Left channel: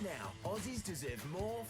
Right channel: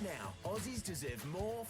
Right now, Aussies deserve more.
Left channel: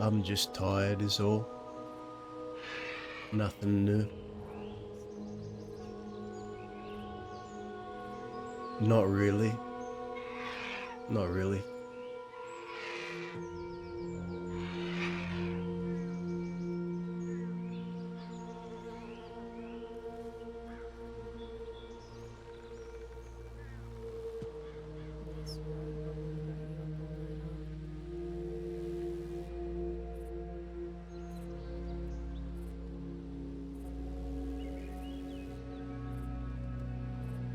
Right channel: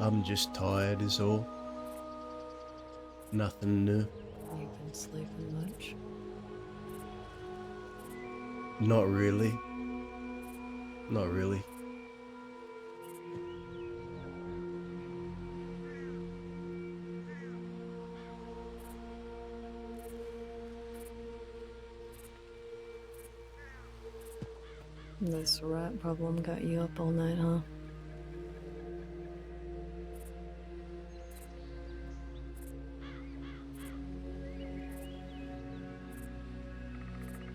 I'm just tired is all. Nothing new. You been sleeping much? Not really. Not really. This rat problem got you up all night, huh?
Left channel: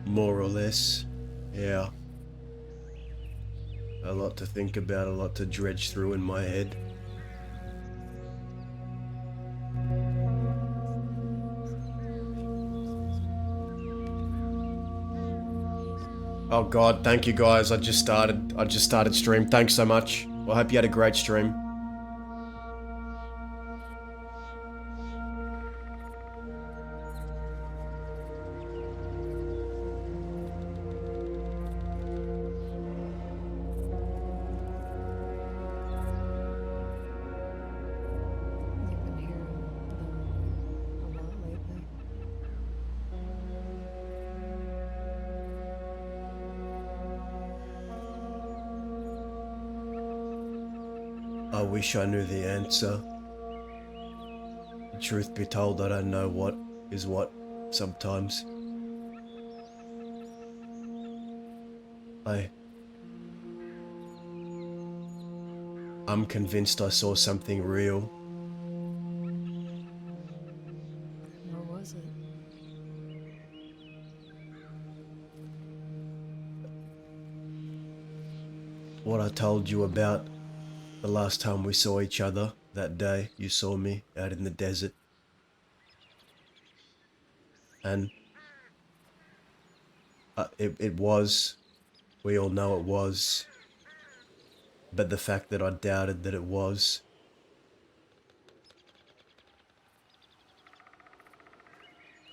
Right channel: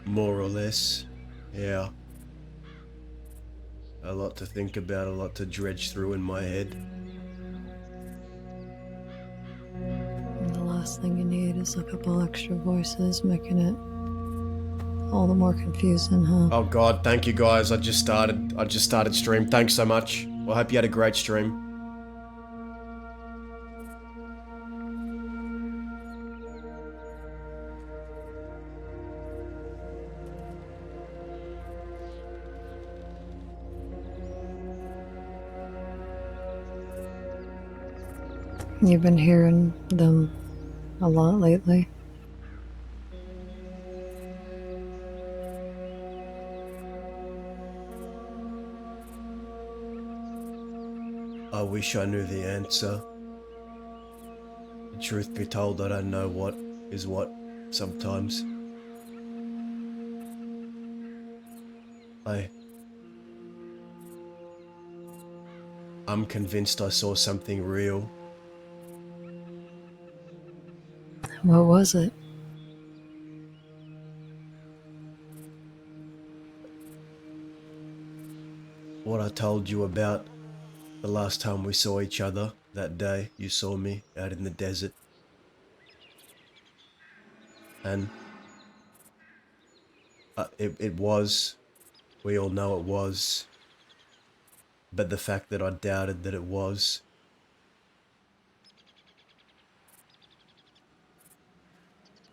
More or less. Yeah. A lot to think about, a lot to dredge through in my head. And the last thing you need is a couple extra voices making it all the more confusing, huh? Oh god, thank you guys. I just started stream. Thanks so much. Well, I hope you had a great stream. You've been hearing them a lot lately. I wish I knew the answer. Truth be told, I don't know what is what sometimes. I'm convinced I saw something real. What was it? What I told you about the last time we saw each other, that day you saw me out in the desert. And it was, we all know it was, but the fact that I doubted that it was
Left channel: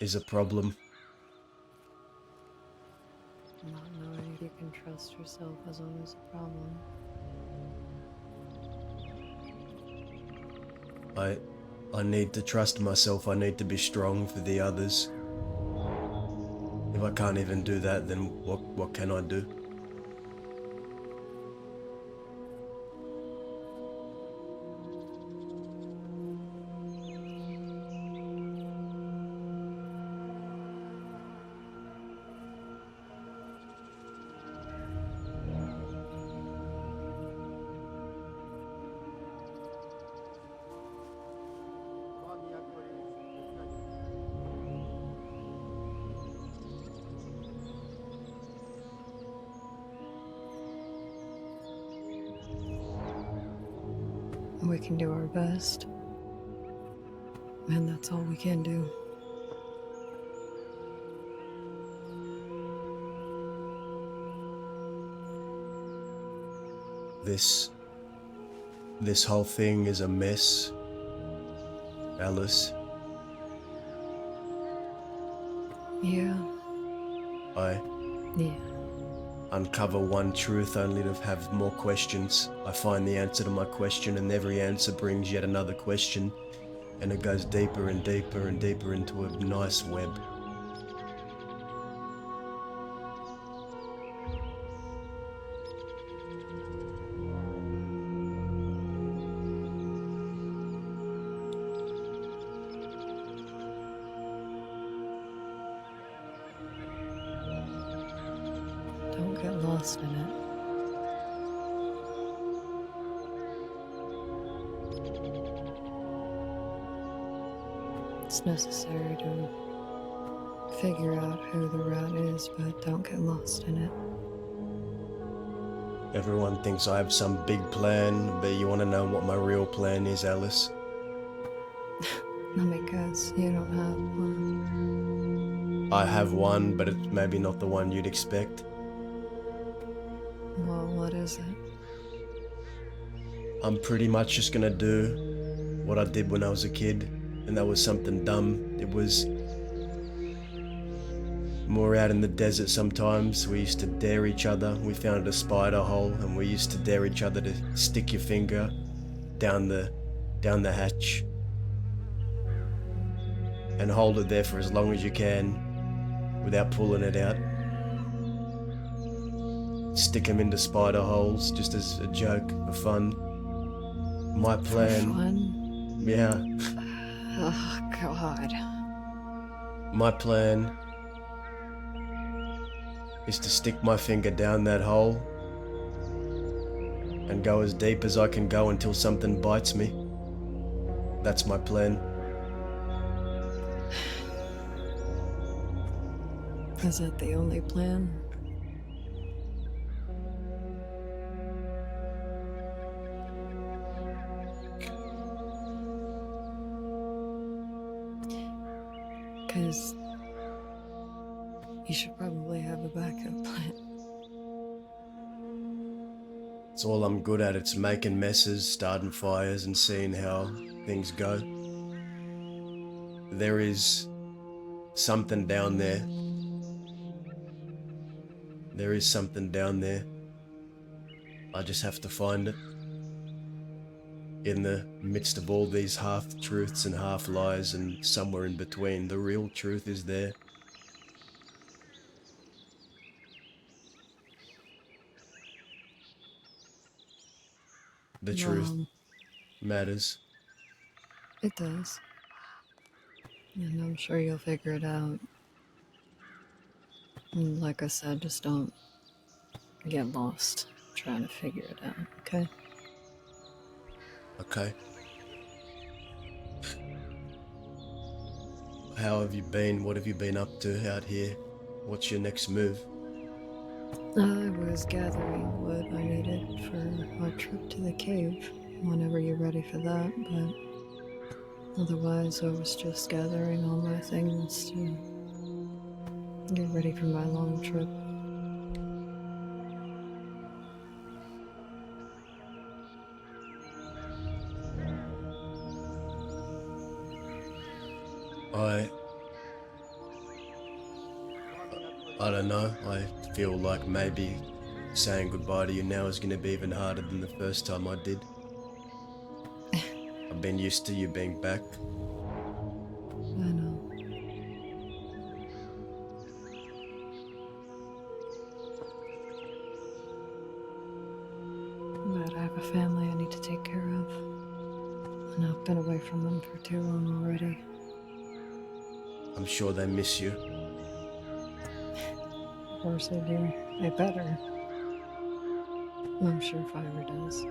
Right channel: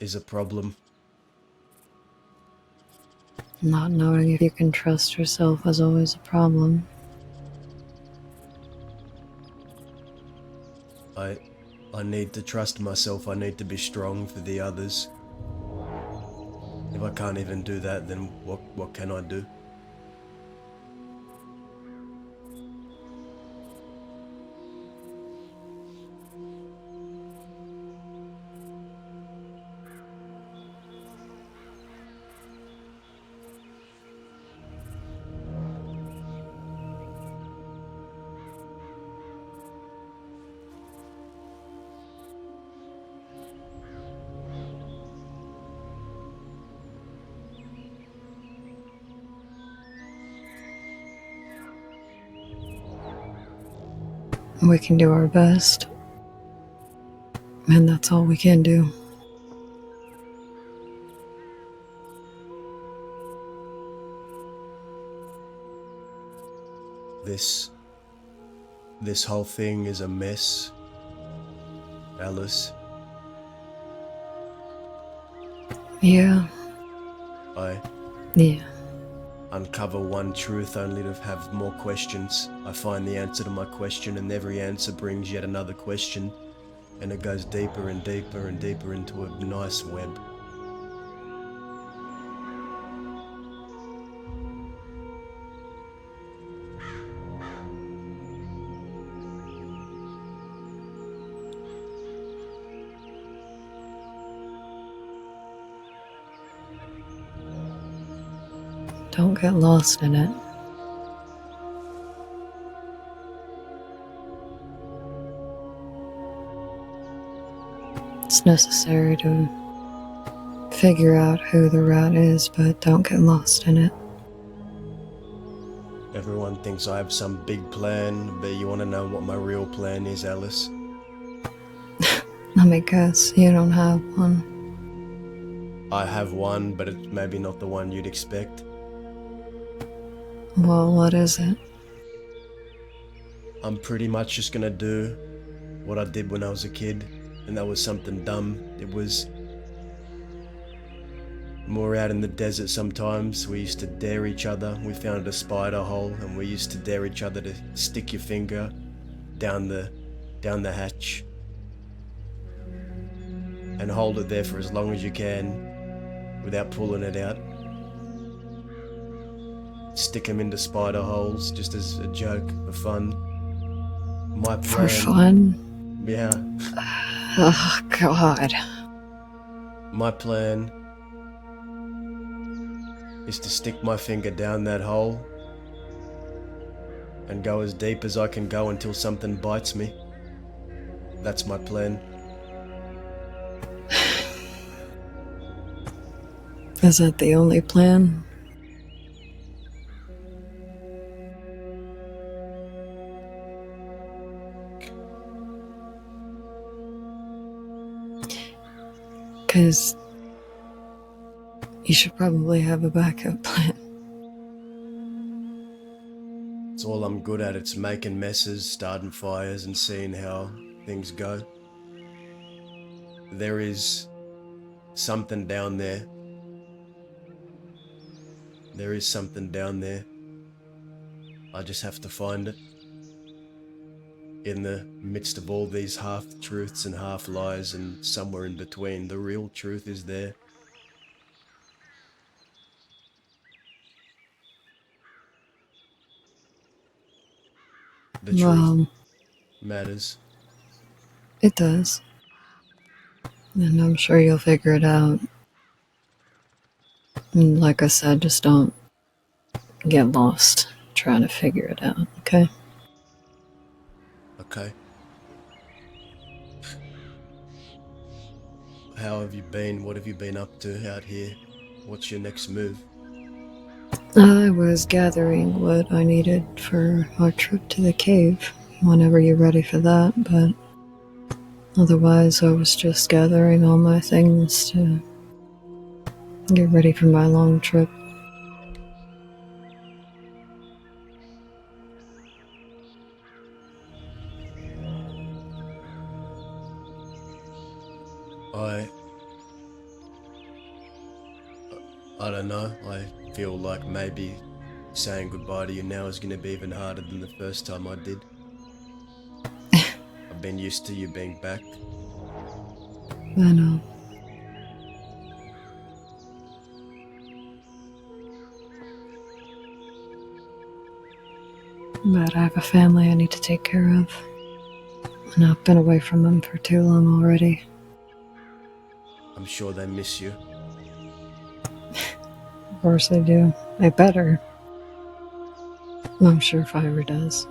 is a problem. Not knowing if you can trust yourself is always a problem. I need to trust myself. I need to be strong for the others. If I can't even do that, then what can I do? We can do our best. And that's all we can do. This whole thing is a mess, Alice. Yeah. Yeah. Uncover one truth only to have more questions. I find the answer to my question, and every answer brings yet another question, and it goes deeper and deeper and deeper into a nice web. Don't get lost in it. It's necessary to figure out who the rat is, but don't get lost in it. Everyone thinks I have some big plan, but you want to know what my real plan is, Alice? Let me guess, you don't have one. I have one, but it's maybe not the one you'd expect. Well, what is it? I'm pretty much just gonna do what I did when I was a kid, and that was something dumb. It was more out in the desert sometimes. We used to dare each other. We found a spider hole, and we used to dare each other to stick your finger down the down the hatch and hold it there for as long as you can without pulling it out. Stick them into spider holes just as a joke for fun. My plan. For fun? Yeah. Oh, God. My plan is to stick my finger down that hole and go as deep as I can go until something bites me. That's my plan. Is that the only plan? Because you should probably have a backup plan. It's all I'm good at. It's making messes, starting fires, and seeing how things go. There is something down there. There is something down there. I just have to find it. In the midst of all these half-truths and half-lies, and somewhere in between, the real truth is there. The truth matters. It does. And I'm sure you'll figure it out. And like I said, just don't get lost trying to figure it out, okay? Okay. How have you been? What have you been up to out here? What's your next move? I was gathering what I needed for our trip to the cave whenever you're ready for that, but otherwise I was just gathering all my things to get ready for my long trip. I don't know. I feel like maybe saying goodbye to you now is going to be even harder than the first time I did. I've been used to you being back. I know. But I have a family I need to take care of. And I've been away from them for too long already. I'm sure they miss you. Of course they do. They better. I'm sure Fire does.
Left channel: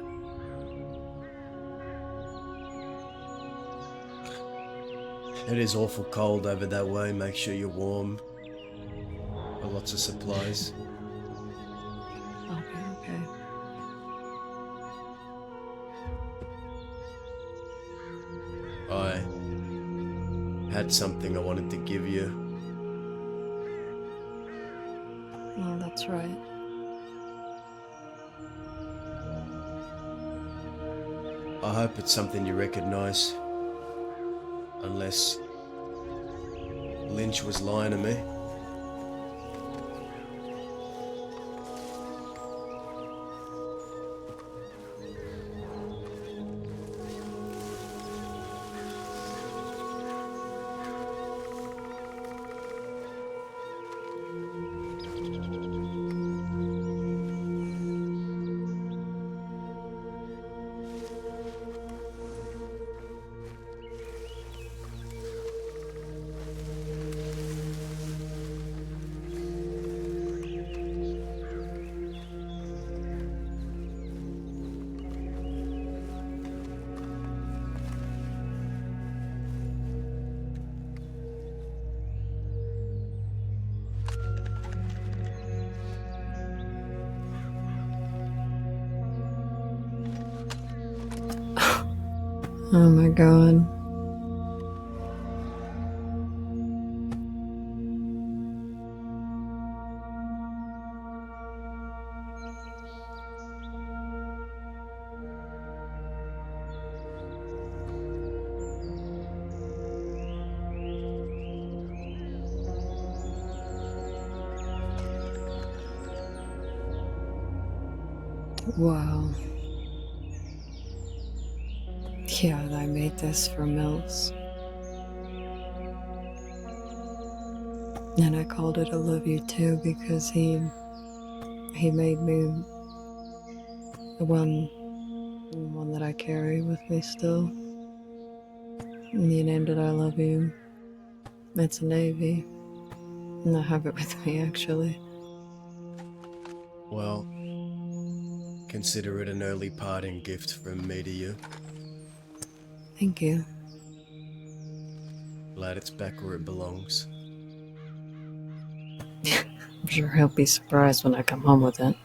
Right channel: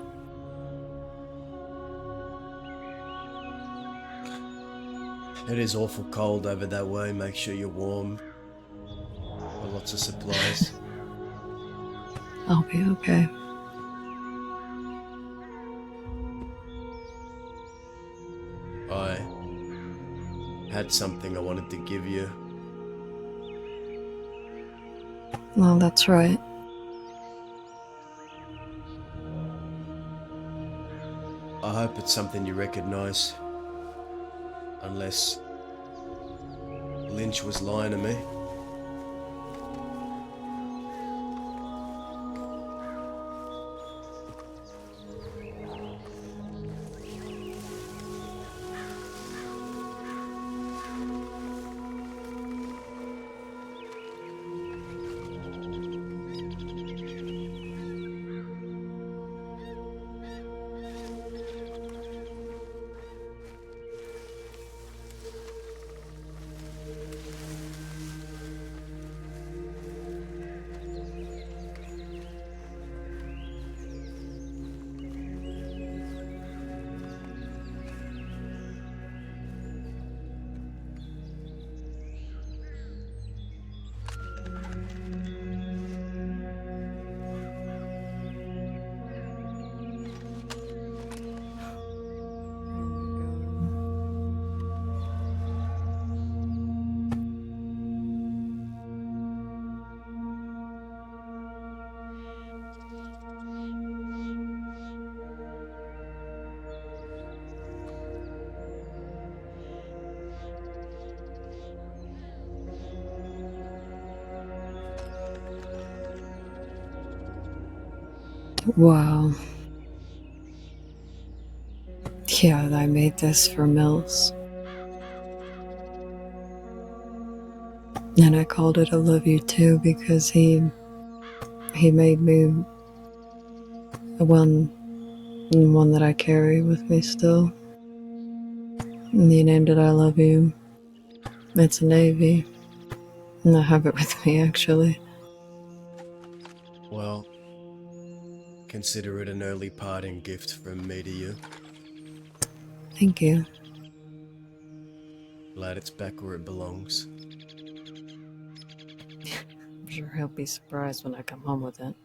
It is awful cold over that way. Make sure you're warm. Got lots of supplies. I'll be okay. I had something I wanted to give you. Well, that's right. I hope it's something you recognize. Unless Lynch was lying to me. Oh my god. Wow. Yeah, I made this for Mills. And I called it I Love You Too because he made me the one that I carry with me still. And he named it I Love You. It's a navy. And I have it with me, actually. Well, consider it an early parting gift from me to you. Thank you. Glad it's back where it belongs. I'm sure he'll be surprised when I come home with it.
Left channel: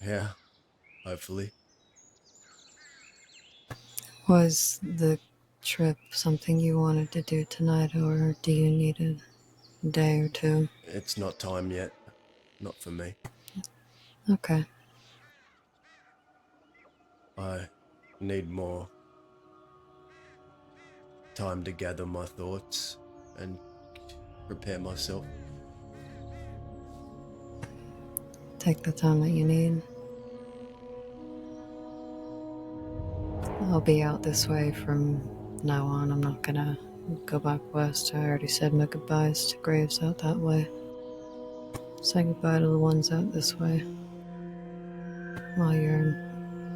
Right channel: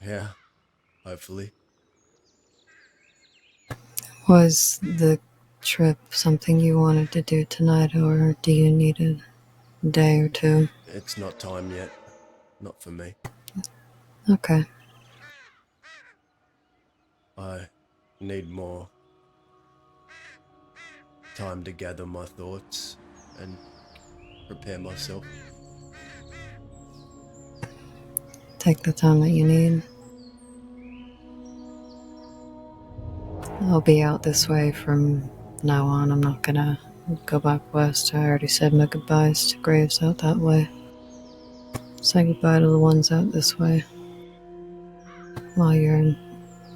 Yeah, hopefully. Was the trip something you wanted to do tonight, or do you need a day or two? It's not time yet. Not for me. Okay. I need more time to gather my thoughts and prepare myself. Take the time that you need. I'll be out this way from now on. I'm not gonna go back west. I already said my goodbyes to graves out that way. Say goodbye to the ones out this way while you're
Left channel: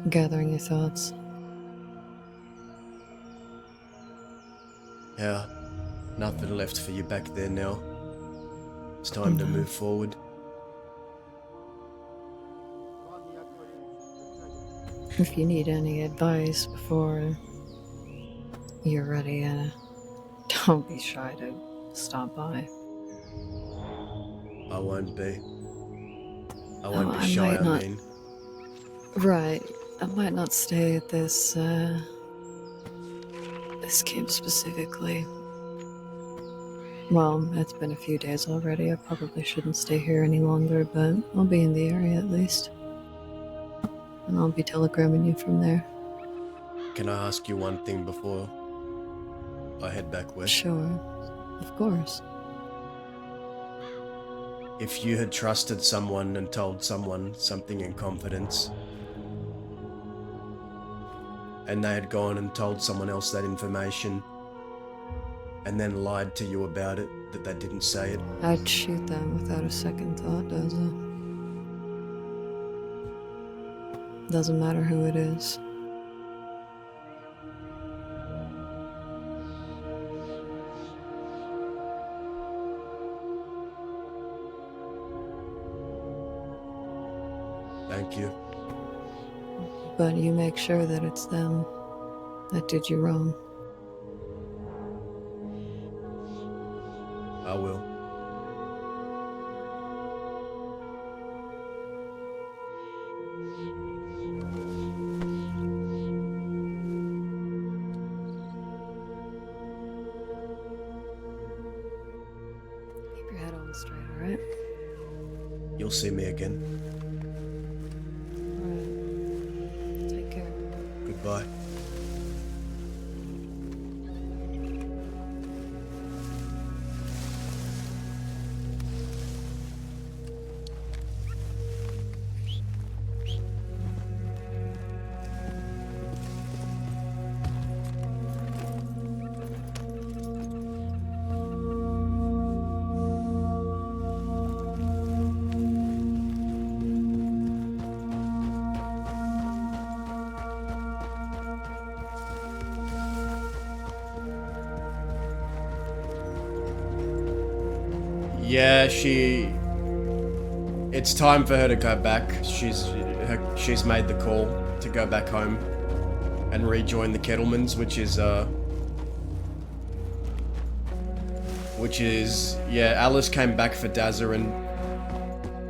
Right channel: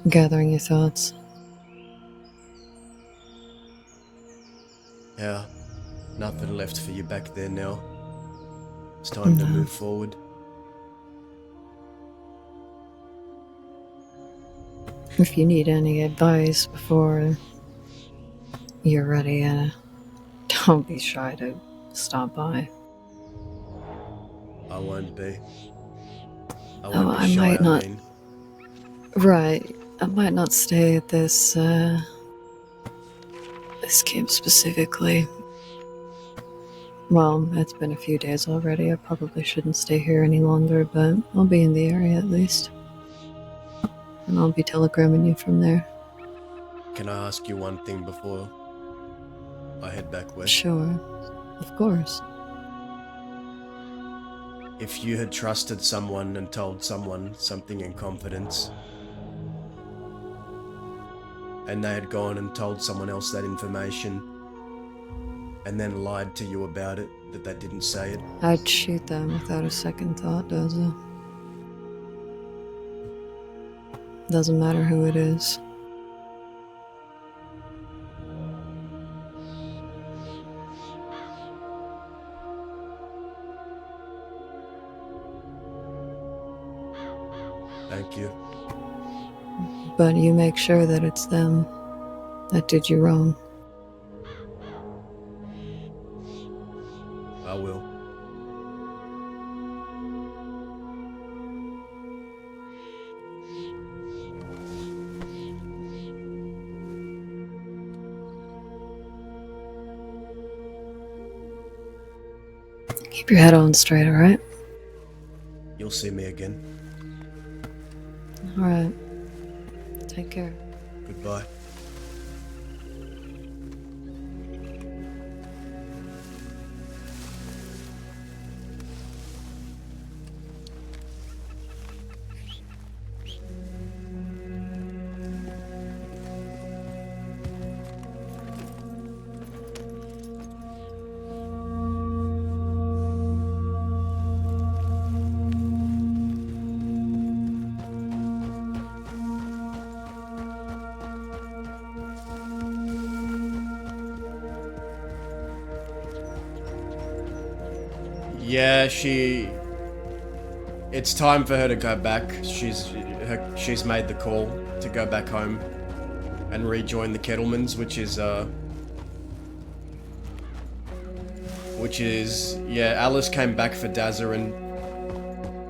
gathering your thoughts. Yeah, nothing left for you back there now. It's time to No. move forward. If you need any advice before you're ready, don't be shy to stop by. I won't be. I Oh, won't be I shy, might I not. mean. Right. I might not stay at this camp specifically. Well, it's been a few days already. I probably shouldn't stay here any longer, but I'll be in the area at least. And I'll be telegramming you from there. Can I ask you one thing before I head back west? Sure. Of course. If you had trusted someone and told someone something in confidence, and they had gone and told someone else that information, and then lied to you about it, that they didn't say it, I'd shoot them without a second thought, Doza. Doesn't matter who it is. thank you. But you make sure that it's them that did you wrong. I will. Keep your head on straight, alright? You'll see me again. Alright. Take care. Goodbye. Yeah, it's time for her to go back. She's made the call to go back home and rejoin the Kettlemans, yeah, Alice came back for Dazza, and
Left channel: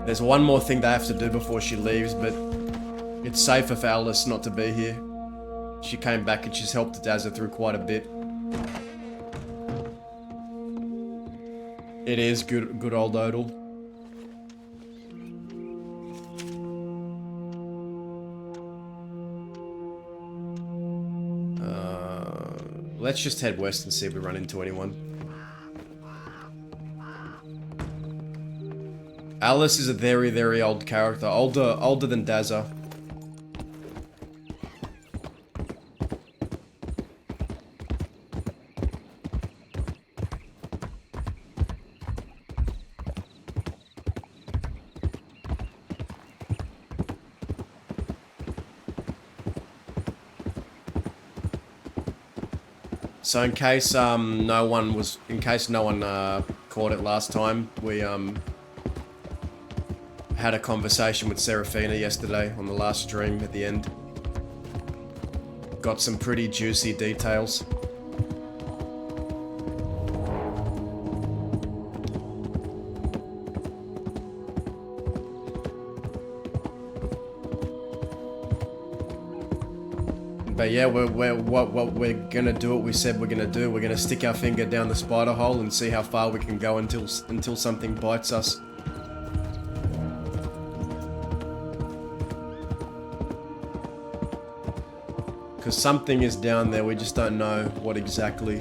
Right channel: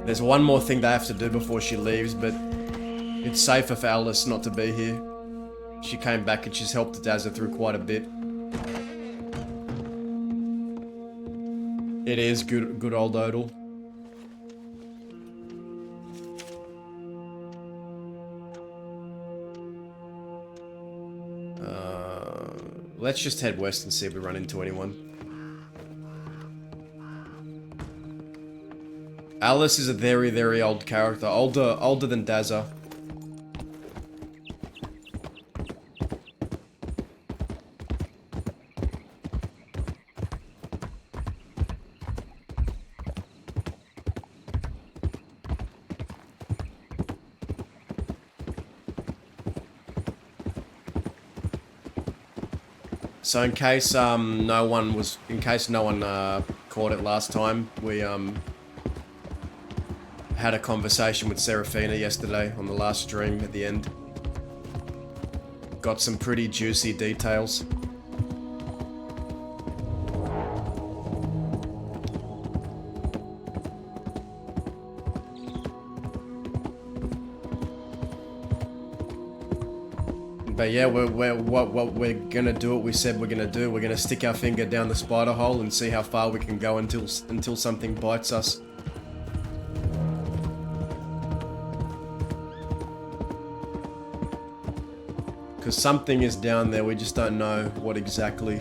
there's one more thing they have to do before she leaves, but it's safer for Alice not to be here. She came back and she's helped Dazza through quite a bit. It is good old Odal. Let's just head west and see if we run into anyone. Alice is a very, very old character. Older than Dazza. So in case no one caught it last time, we had a conversation with Serafina yesterday on the last stream at the end. Got some pretty juicy details. But yeah, what we're gonna do, what we said we're gonna do. We're gonna stick our finger down the spider hole and see how far we can go until something bites us. Because something is down there, we just don't know what exactly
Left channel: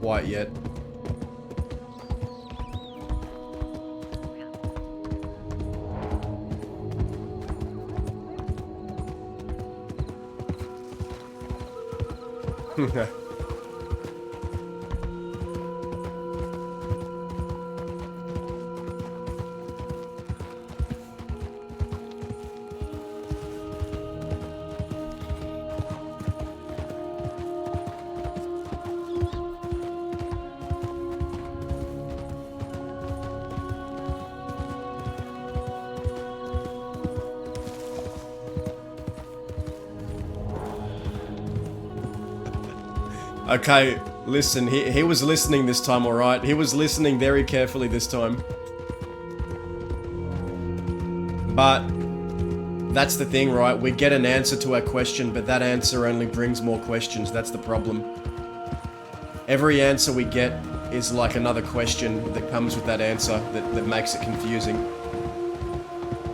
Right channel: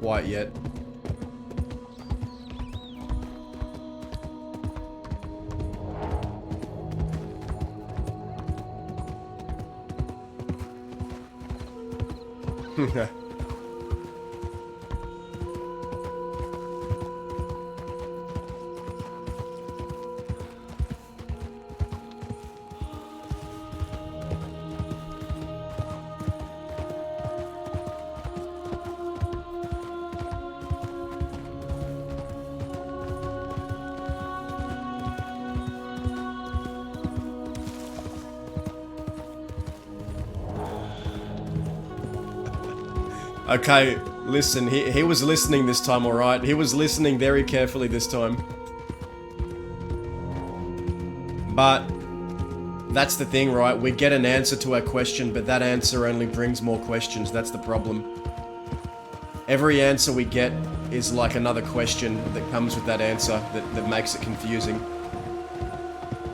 quite yet. Okay, listen, he was listening this time, alright? He was listening very carefully this time. But that's the thing, right? We get an answer to our question, but that answer only brings more questions. That's the problem. Every answer we get is like another question that comes with that answer that makes it confusing.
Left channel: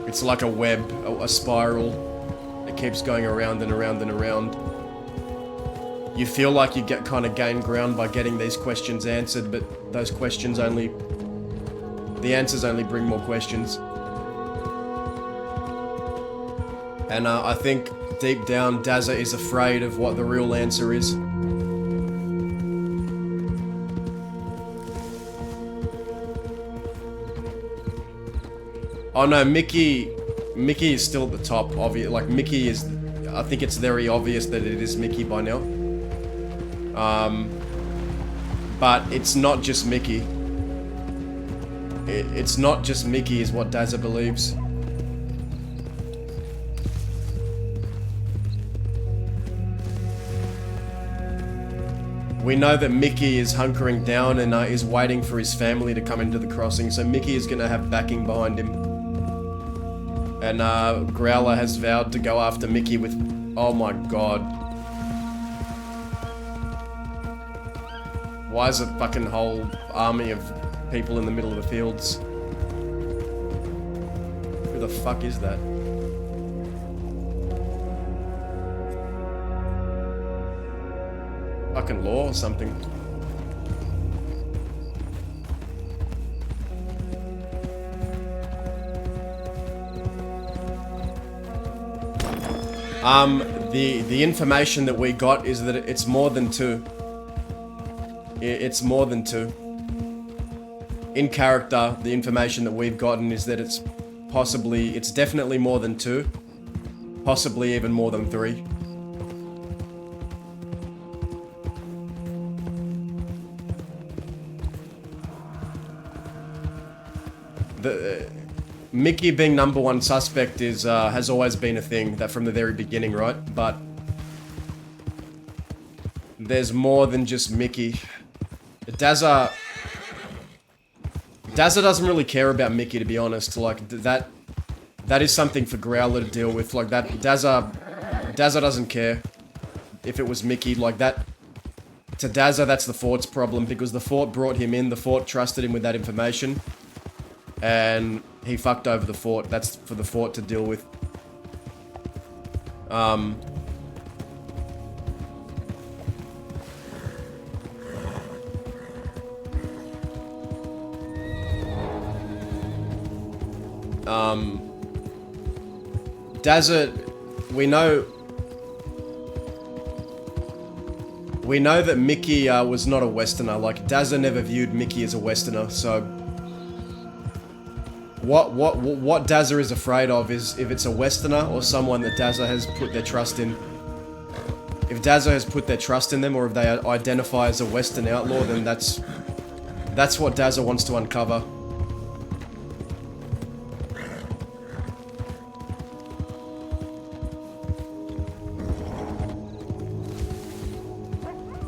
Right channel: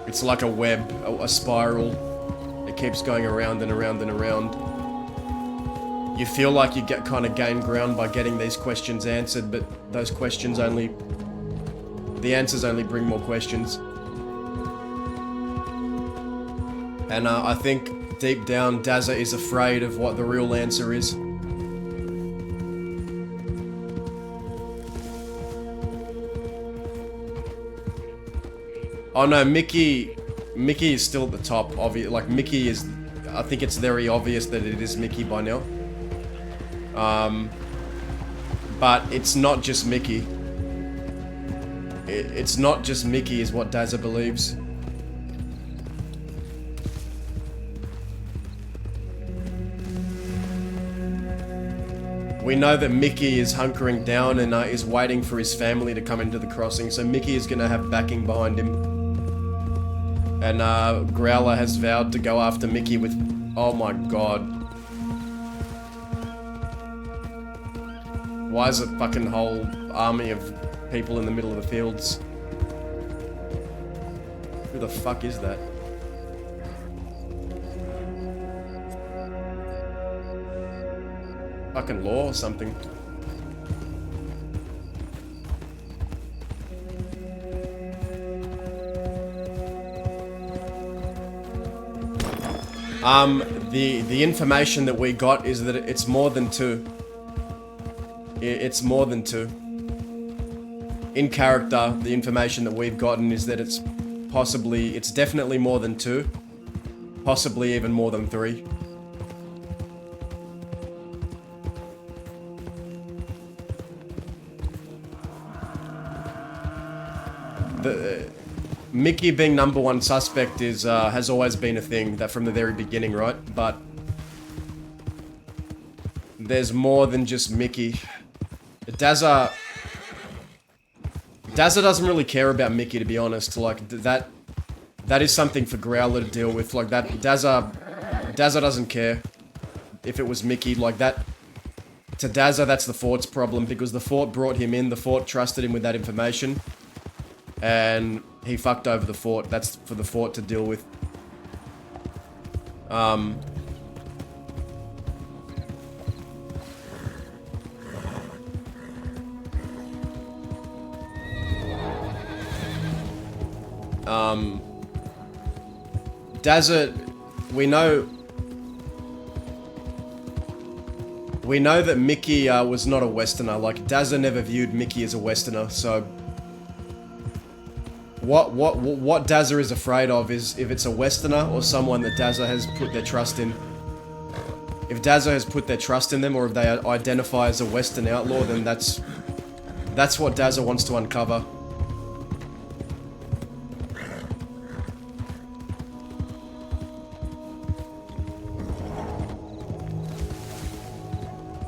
It's like a web, a spiral. It keeps going around and around and around. You feel like you get kind of gain ground by getting these questions answered, but those questions only... the answers only bring more questions. And I think deep down, Dazza is afraid of what the real answer is. Oh no, Mickey is still at the top, like Mickey is... I think it's very obvious that it is Mickey by now. But it's not just Mickey. It's not just Mickey is what Dazza believes. We know that Mickey is hunkering down and is waiting for his family to come into the crossing, so Mickey is gonna have backing behind him. And Growler has vowed to go after Mickey with... oh my god. Why is a fucking whole army of people in the middle of the fields? Who the fuck is that? Fucking law or something. The information that we got is that it's more than two. It's more than two. In character, the information that we've gotten is that it's definitely more than two. Possibly even more than three. Mickey being number one suspect is has always been a thing that from the very beginning, right? But there's more than just Mickey. Dazza doesn't really care about Mickey, to be honest. Like that is something for Growler to deal with. Like that Dazza doesn't care if it was Mickey. Like that to Dazza, that's the Fort's problem because the Fort brought him in. The Fort trusted him with that information. And he fucked over the Fort. That's for the Fort to deal with. Dazza, we know that Mickey was not a Westerner. Like Dazza never viewed Mickey as a Westerner, so what Dazza is afraid of is if it's a Westerner or someone that Dazza has put their trust in. If Dazza has put their trust in them, or if they identify as a Western outlaw, then that's what Dazza wants to uncover.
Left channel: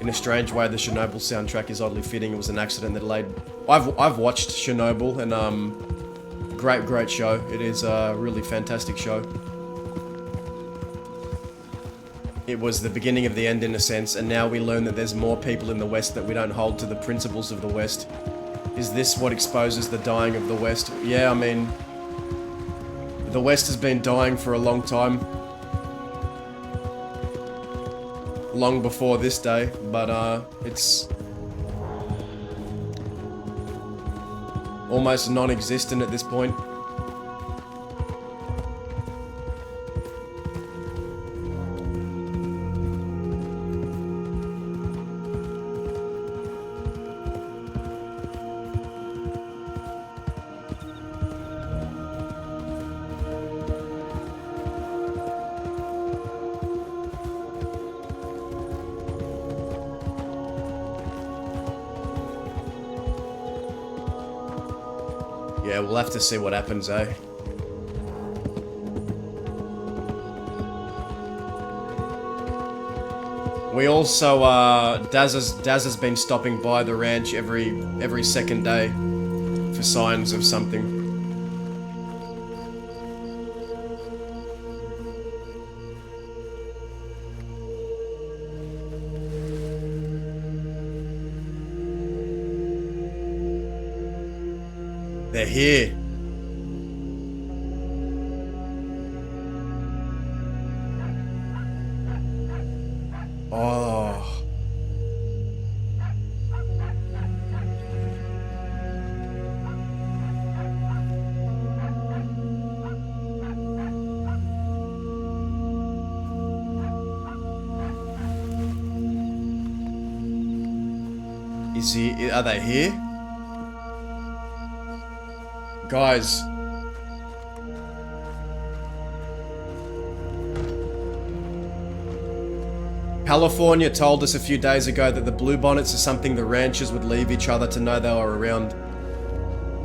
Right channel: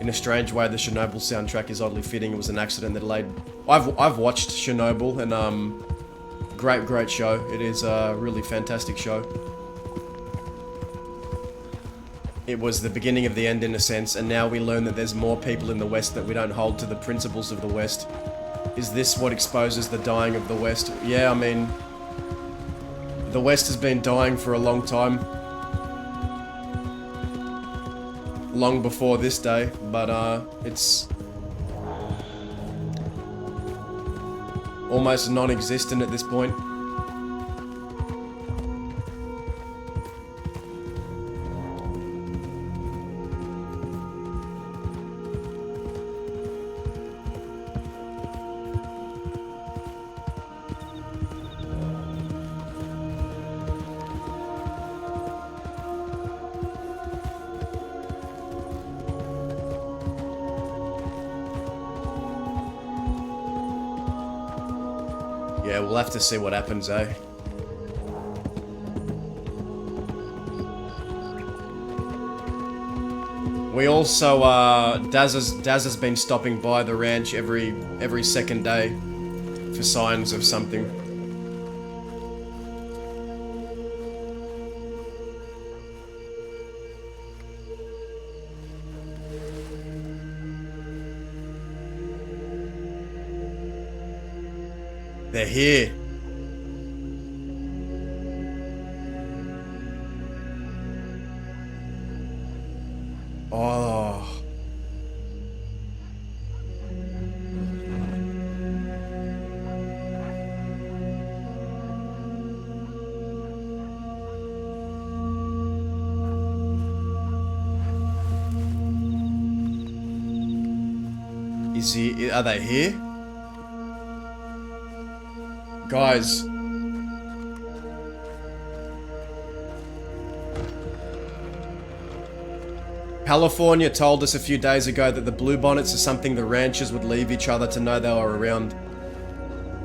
In a strange way, the Chernobyl soundtrack is oddly fitting. It was an accident that laid... I've watched Chernobyl, and great show. It is a really fantastic show. It was the beginning of the end in a sense, and now we learn that there's more people in the West that we don't hold to the principles of the West. Is this what exposes the dying of the West? Yeah, I mean... the West has been dying for a long time. Long before this day, but it's... almost non-existent at this point. Yeah, we'll have to see what happens, eh? We also, Dazza's been stopping by the ranch every second day for signs of something. They're here. Oh. Are they here? Guys. California told us a few days ago that the bluebonnets are something the ranchers would leave each other to know they were around.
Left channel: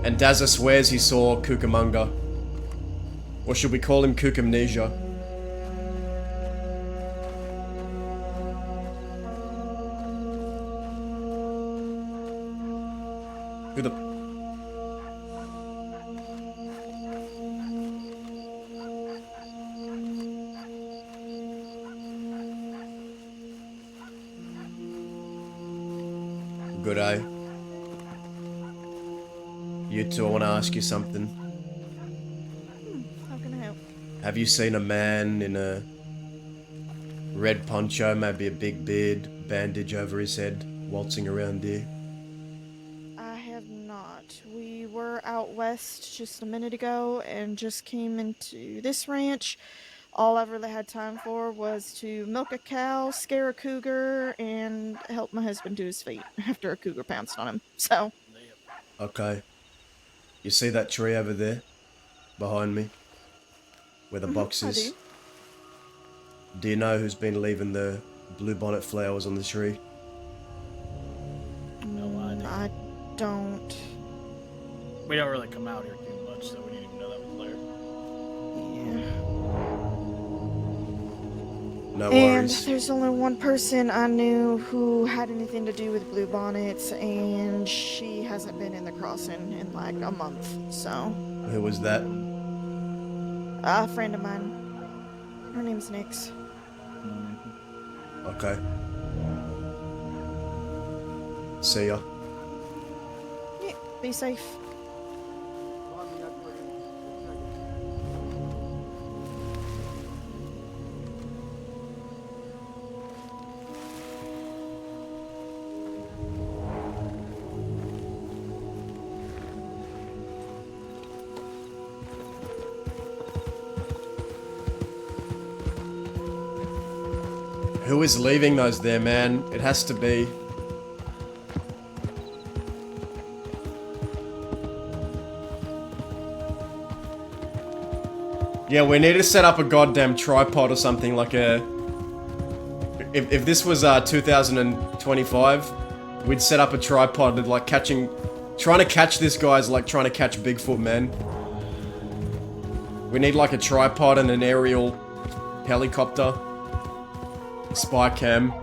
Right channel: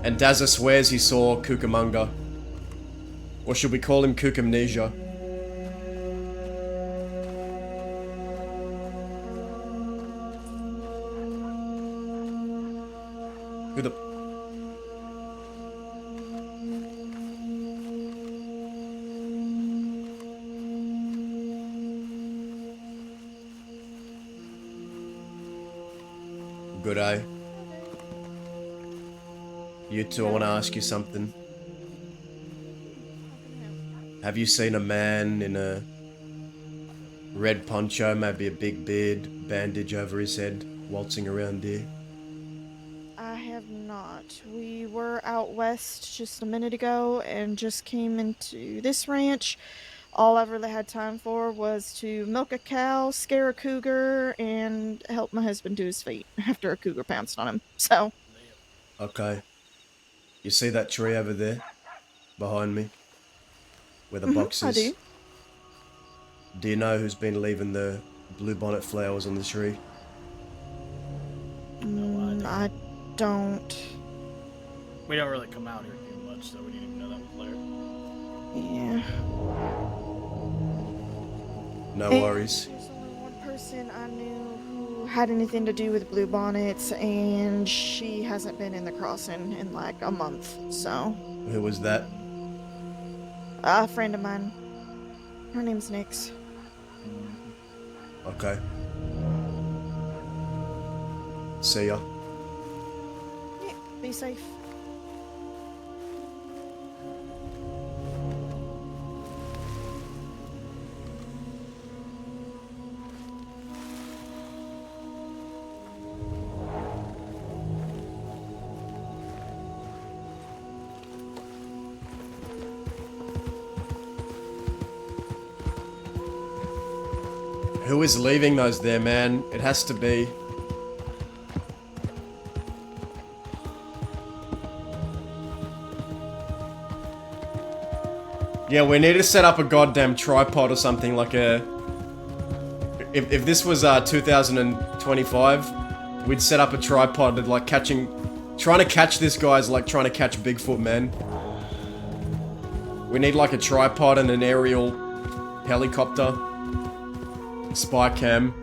And Dazza swears he saw Cucamonga. Or should we call him Cucamnesia? Who the... Good eye. You two, I want to ask you something. How can I help? Have you seen a man in a red poncho, maybe a big beard, bandage over his head, waltzing around here? I have not. We were out west just a minute ago and just came into this ranch. All I've really had time for was to milk a cow, scare a cougar, and help my husband to his feet after a cougar pounced on him. So, Okay. You see that tree over there? Behind me? Where the box I is? do. Do you know who's been leaving the bluebonnet flowers on the tree? I don't. We don't really come out here too much, so we didn't even know that was there. Yeah. No And worries. there's only one person I knew who had anything to do with bluebonnets, and she hasn't been in the crossing in like a month, so. Who was that? A friend of mine. Her name's Nyx. Okay. See ya. Yeah, be safe. Who is leaving those there, man? It has to be. Yeah, we need to set up a goddamn tripod or something, like a If this was 2025, we'd set up a tripod and like trying to catch this guy's like trying to catch Bigfoot, man. We need like a tripod and an aerial helicopter, spy cam.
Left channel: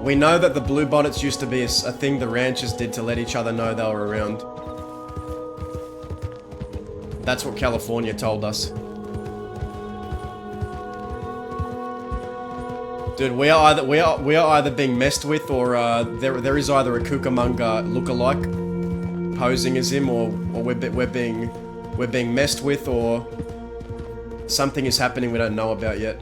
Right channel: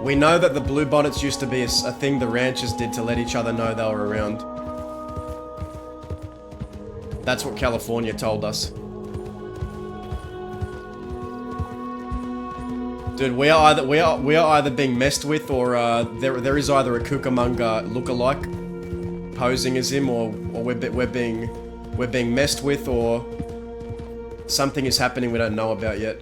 We know that the blue bonnets used to be a thing the ranchers did to let each other know they were around. That's what California told us. Dude, we are either being messed with, or there is either a Cucamonga lookalike posing as him, or we're being messed with, or something is happening we don't know about yet.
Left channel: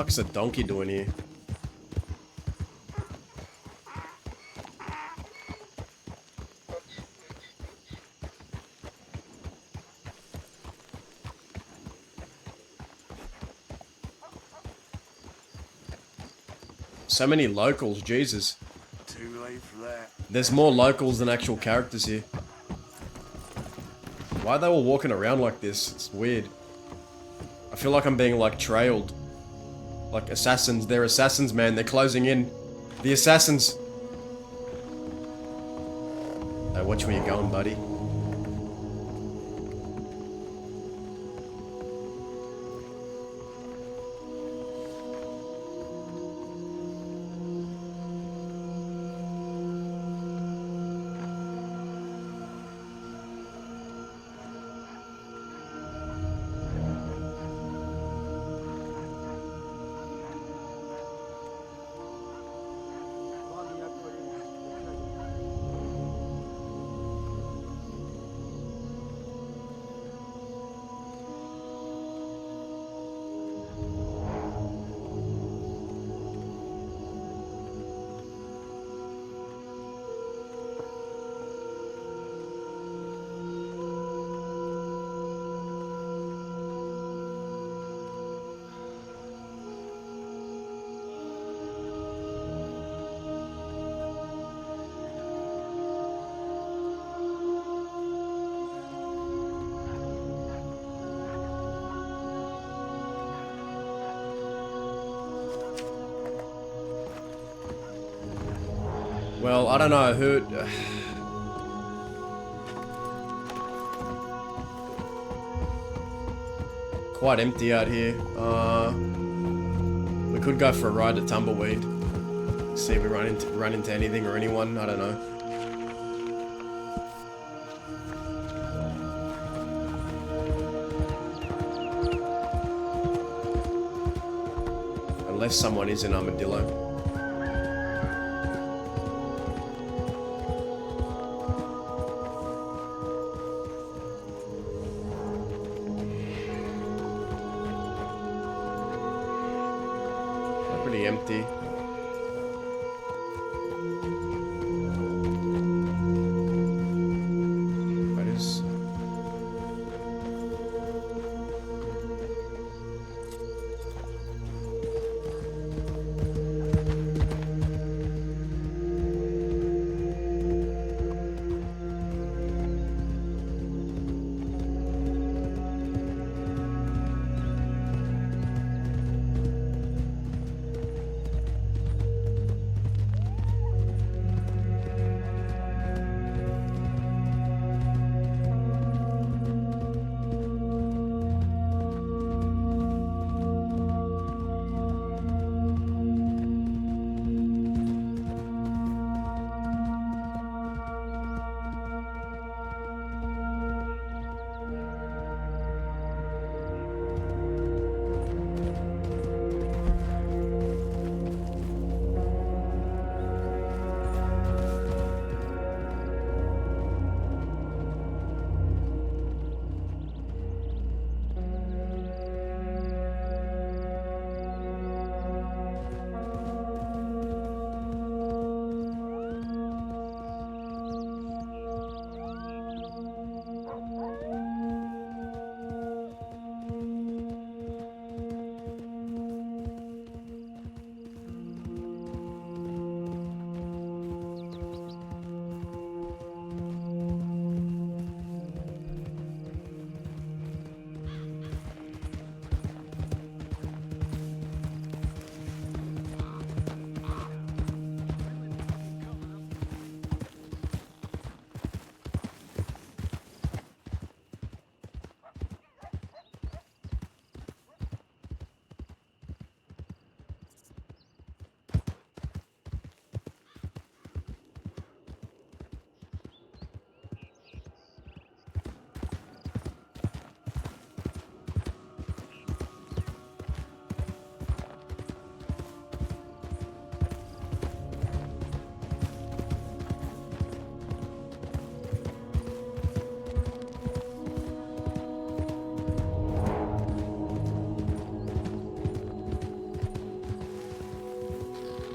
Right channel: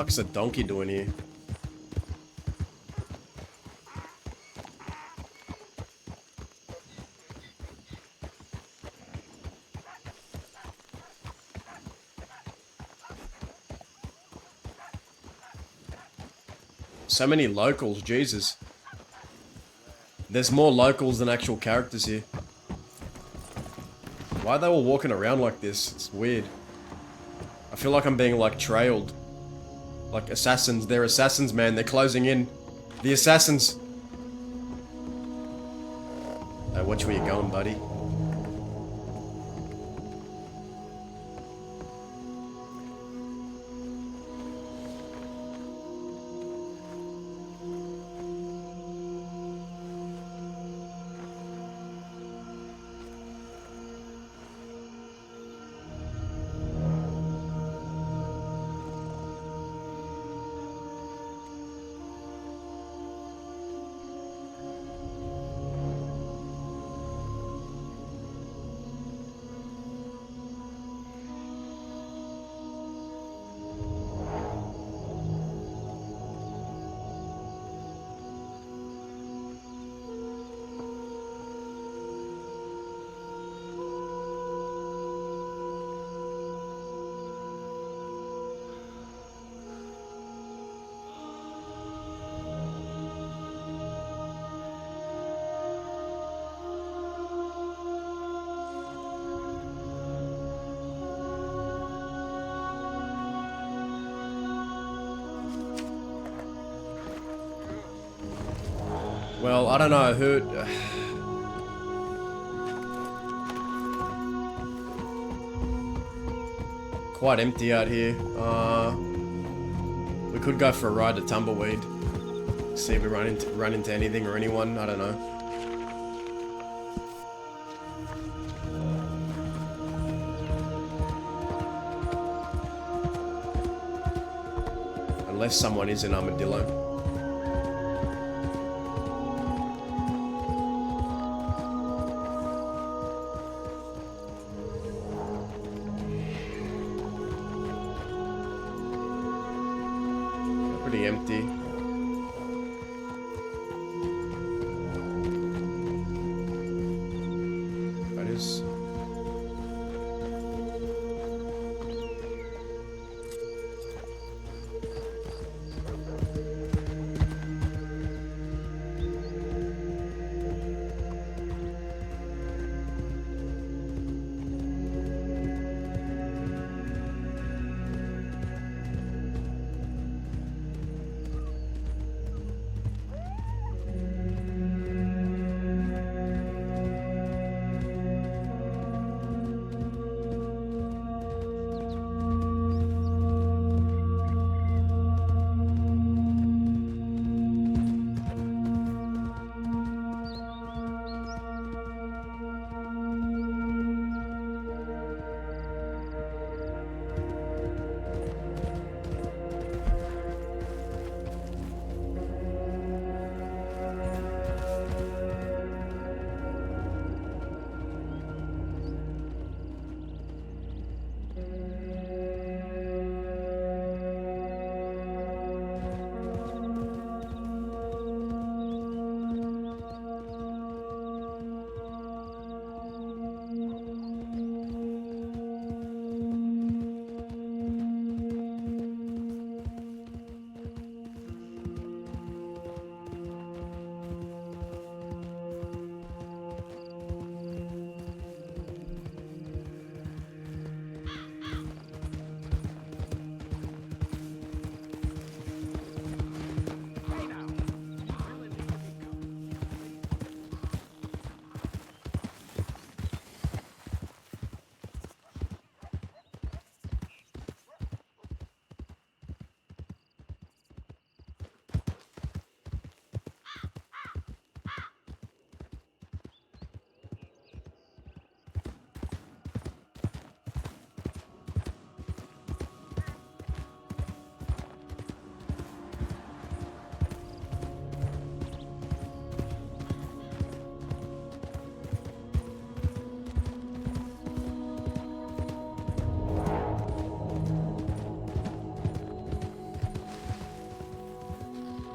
Fuck's a donkey doing here? So many locals, Jesus. There's more locals than actual characters here. Why are they all walking around like this? It's weird. I feel like I'm being like trailed. Like assassins. They're assassins, man. They're closing in. The assassins. Hey, watch where you're going, buddy. Well, I don't know who... Quite empty out here. We could go for a ride to Tumbleweed. See if we run into anything or anyone, I don't know. Unless someone is in Armadillo. empty. That is.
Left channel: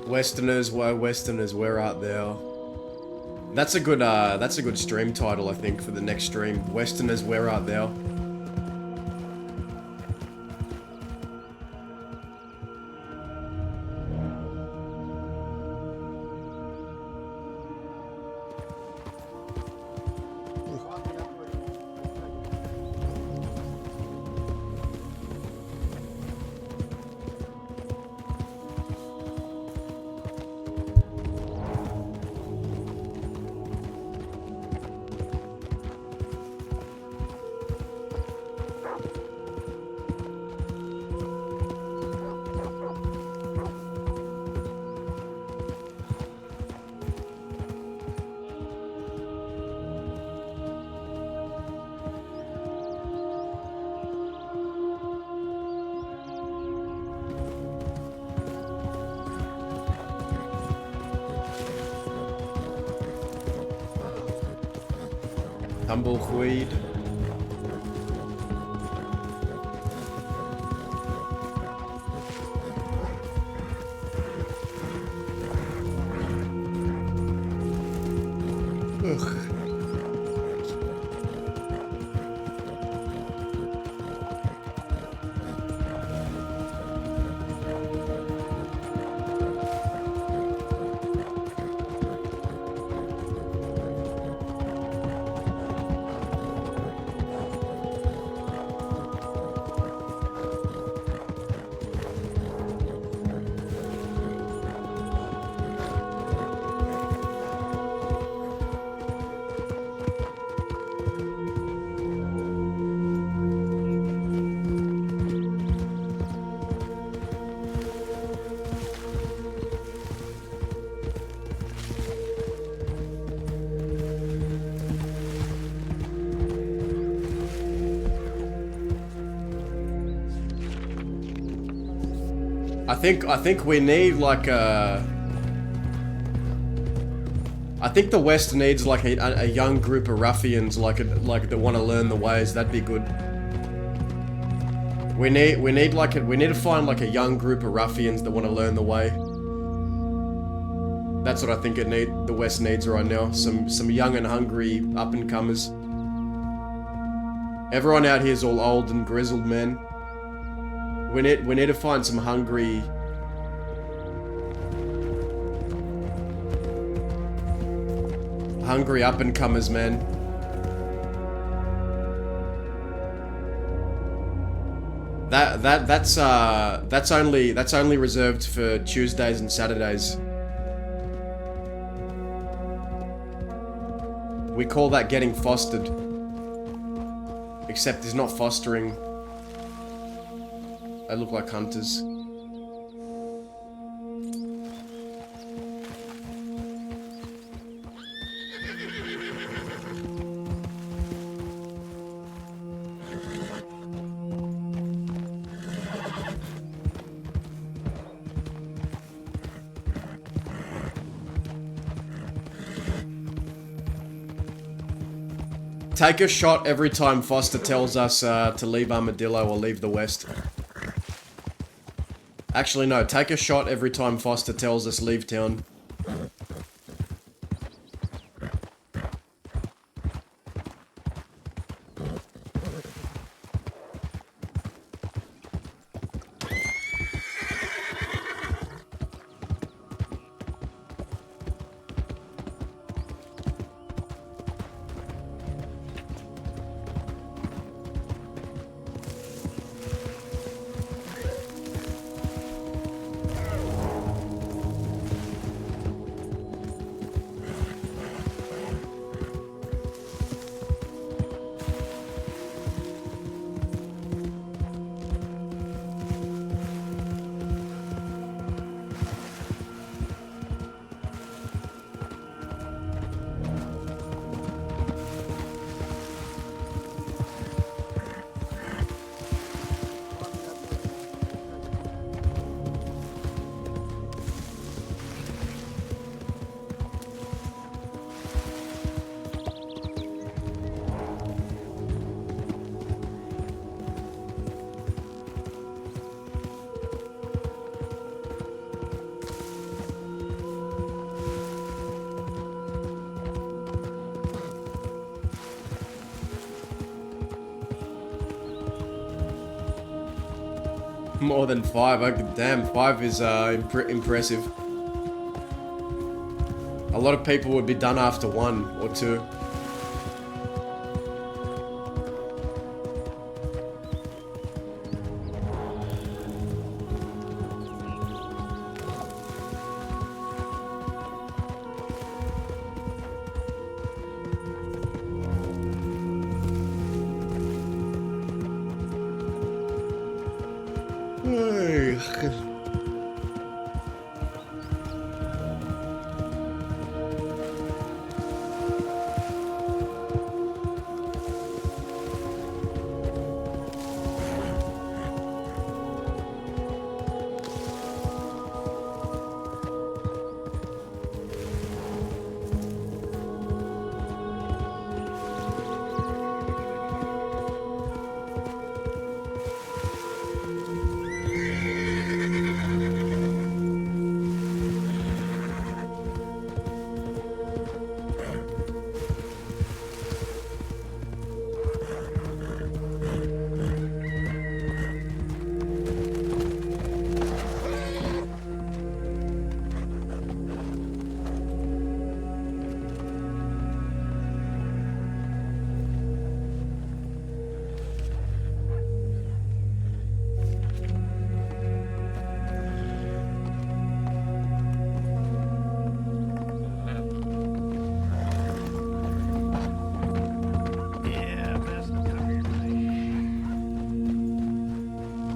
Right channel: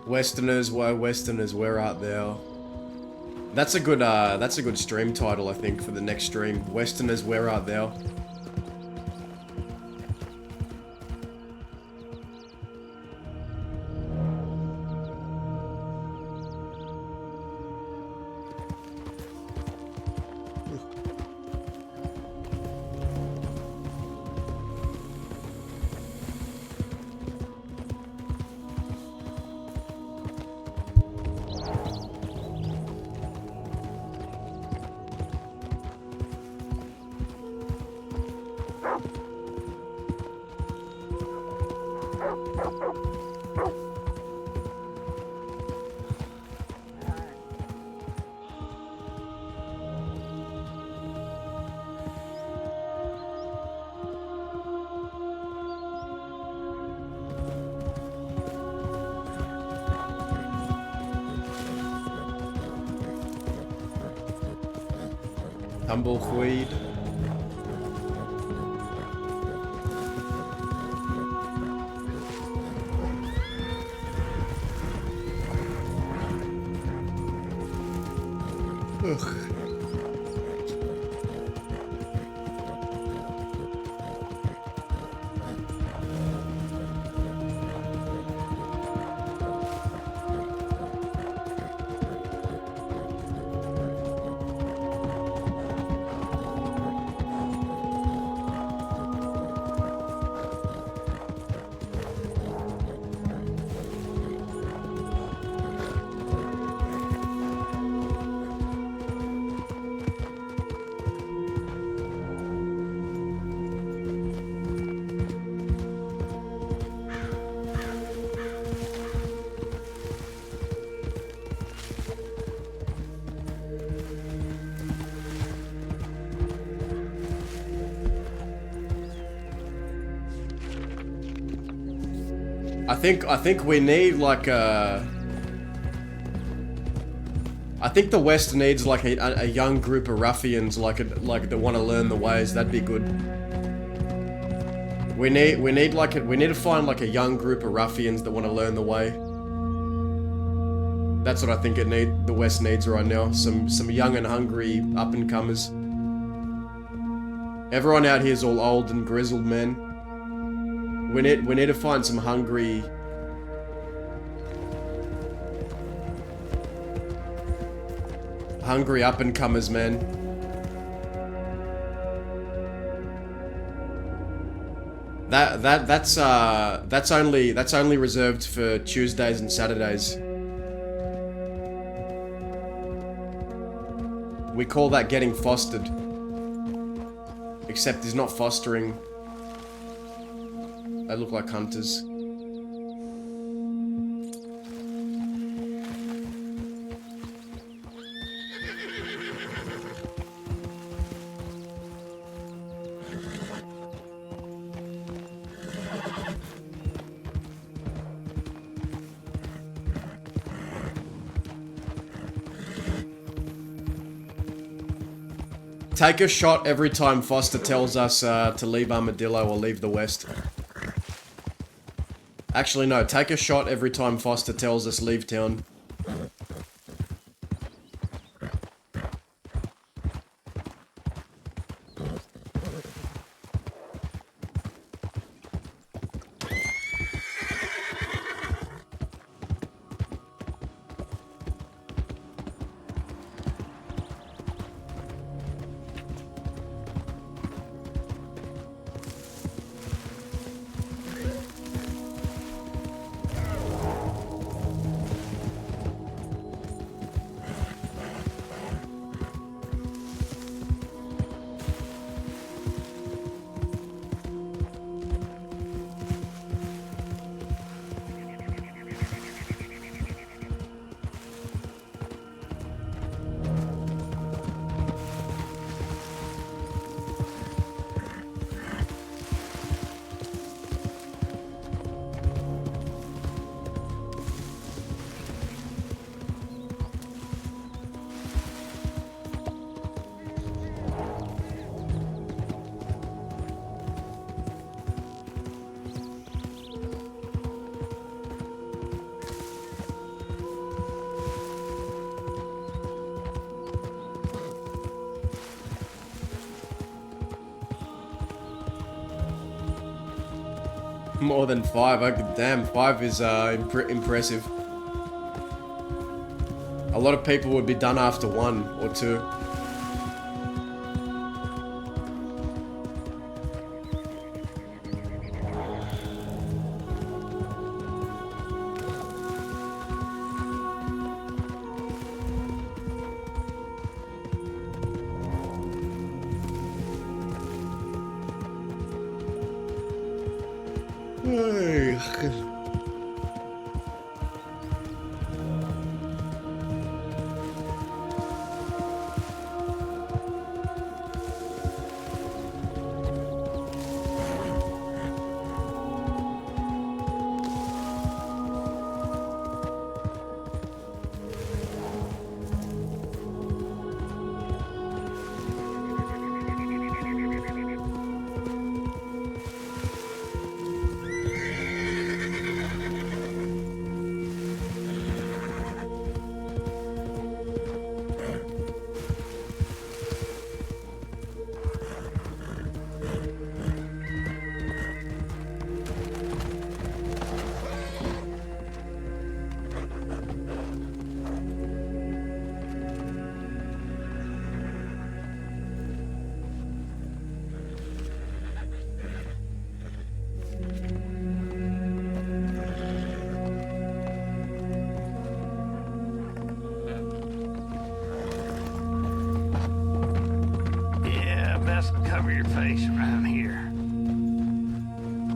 Westerners, why Westerners, we're out there. That's a good stream title, I think, for the next stream. Westerners, we're out there. Tumbleweed. Ugh. I think we need like a... I think the West needs like a young group of ruffians like that want to learn the ways. That'd be good. We need to find like a young group of ruffians that want to learn the way. That's what I think the West needs right now. Some young and hungry up and comers. Everyone out here is all old and grizzled, man. We need to find some hungry up and comers, man. That's only reserved for Tuesdays and Saturdays. We call that getting fostered. Except he's not fostering. They look like hunters. Take a shot every time Foster tells us to leave Armadillo or leave the West. Actually, no. Take a shot every time Foster tells us leave town. More than 5. Oh, damn, 5 is impressive. A lot of people would be done after 1 or 2.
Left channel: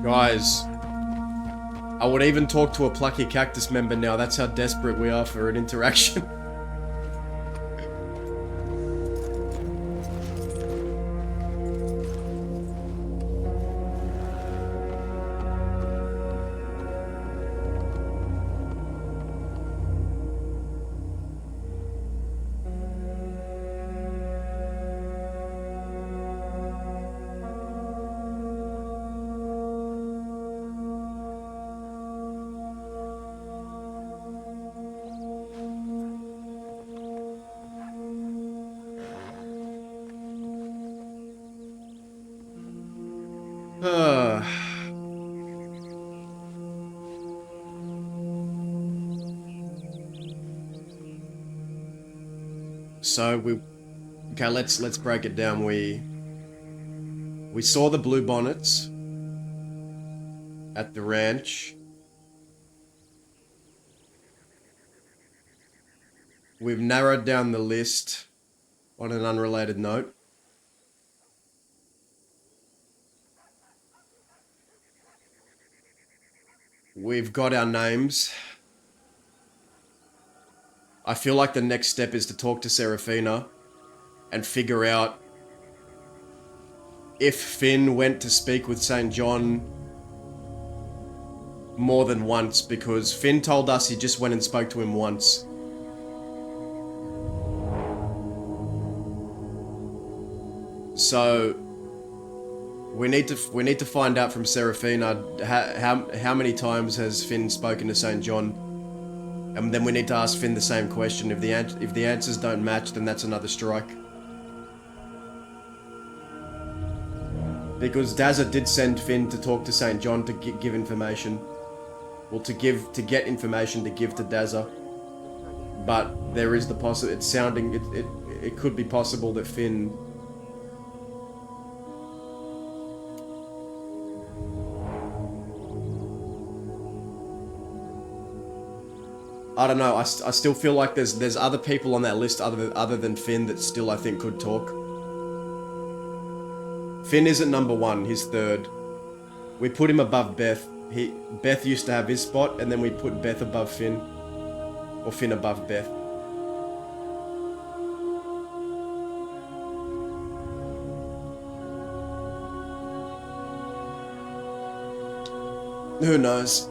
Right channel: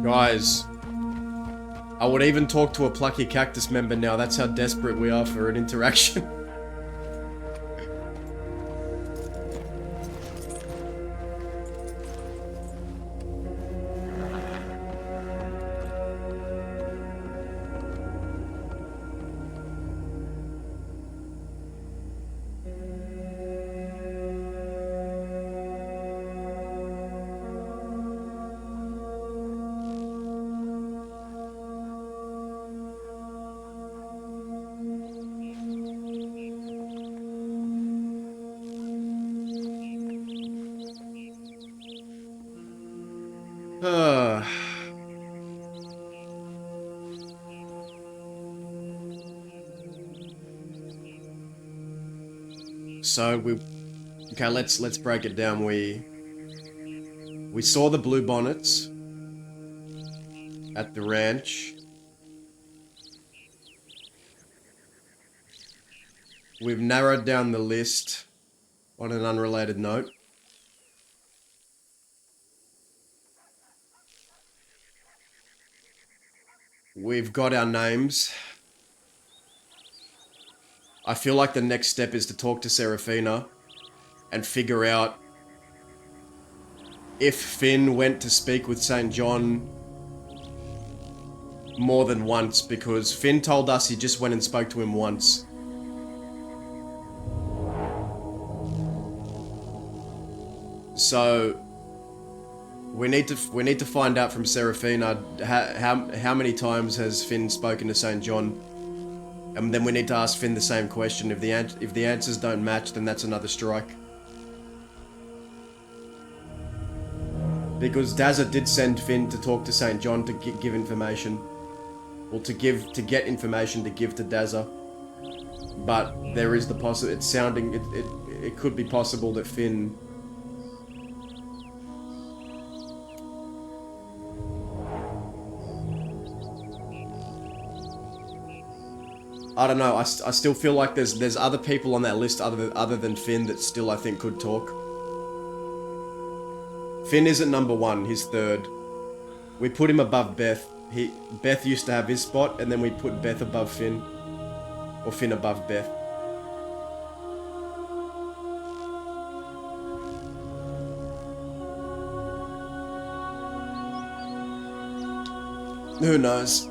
Guys, I would even talk to a Plucky Cactus member now. That's how desperate we are for an interaction. Uh, okay, let's break it down. We saw the blue bonnets at the ranch. We've narrowed down the list on an unrelated note. We've got our names. I feel like the next step is to talk to Serafina and figure out if Finn went to speak with St. John more than once, because Finn told us he just went and spoke to him once. So we need to find out from Serafina how many times has Finn spoken to St. John, and then we need to ask Finn the same question. If the answers don't match, then that's another strike. Because Dazza did send Finn to talk to St. John to give information. Well, to get information to give to Dazza. But there is the it could be possible that Finn... I don't know, I still feel like there's other people on that list other than Finn that still I think could talk. Finn isn't number one, he's third. We put him above Beth. Beth used to have his spot, and then we put Beth above Finn. Or Finn above Beth. Who knows?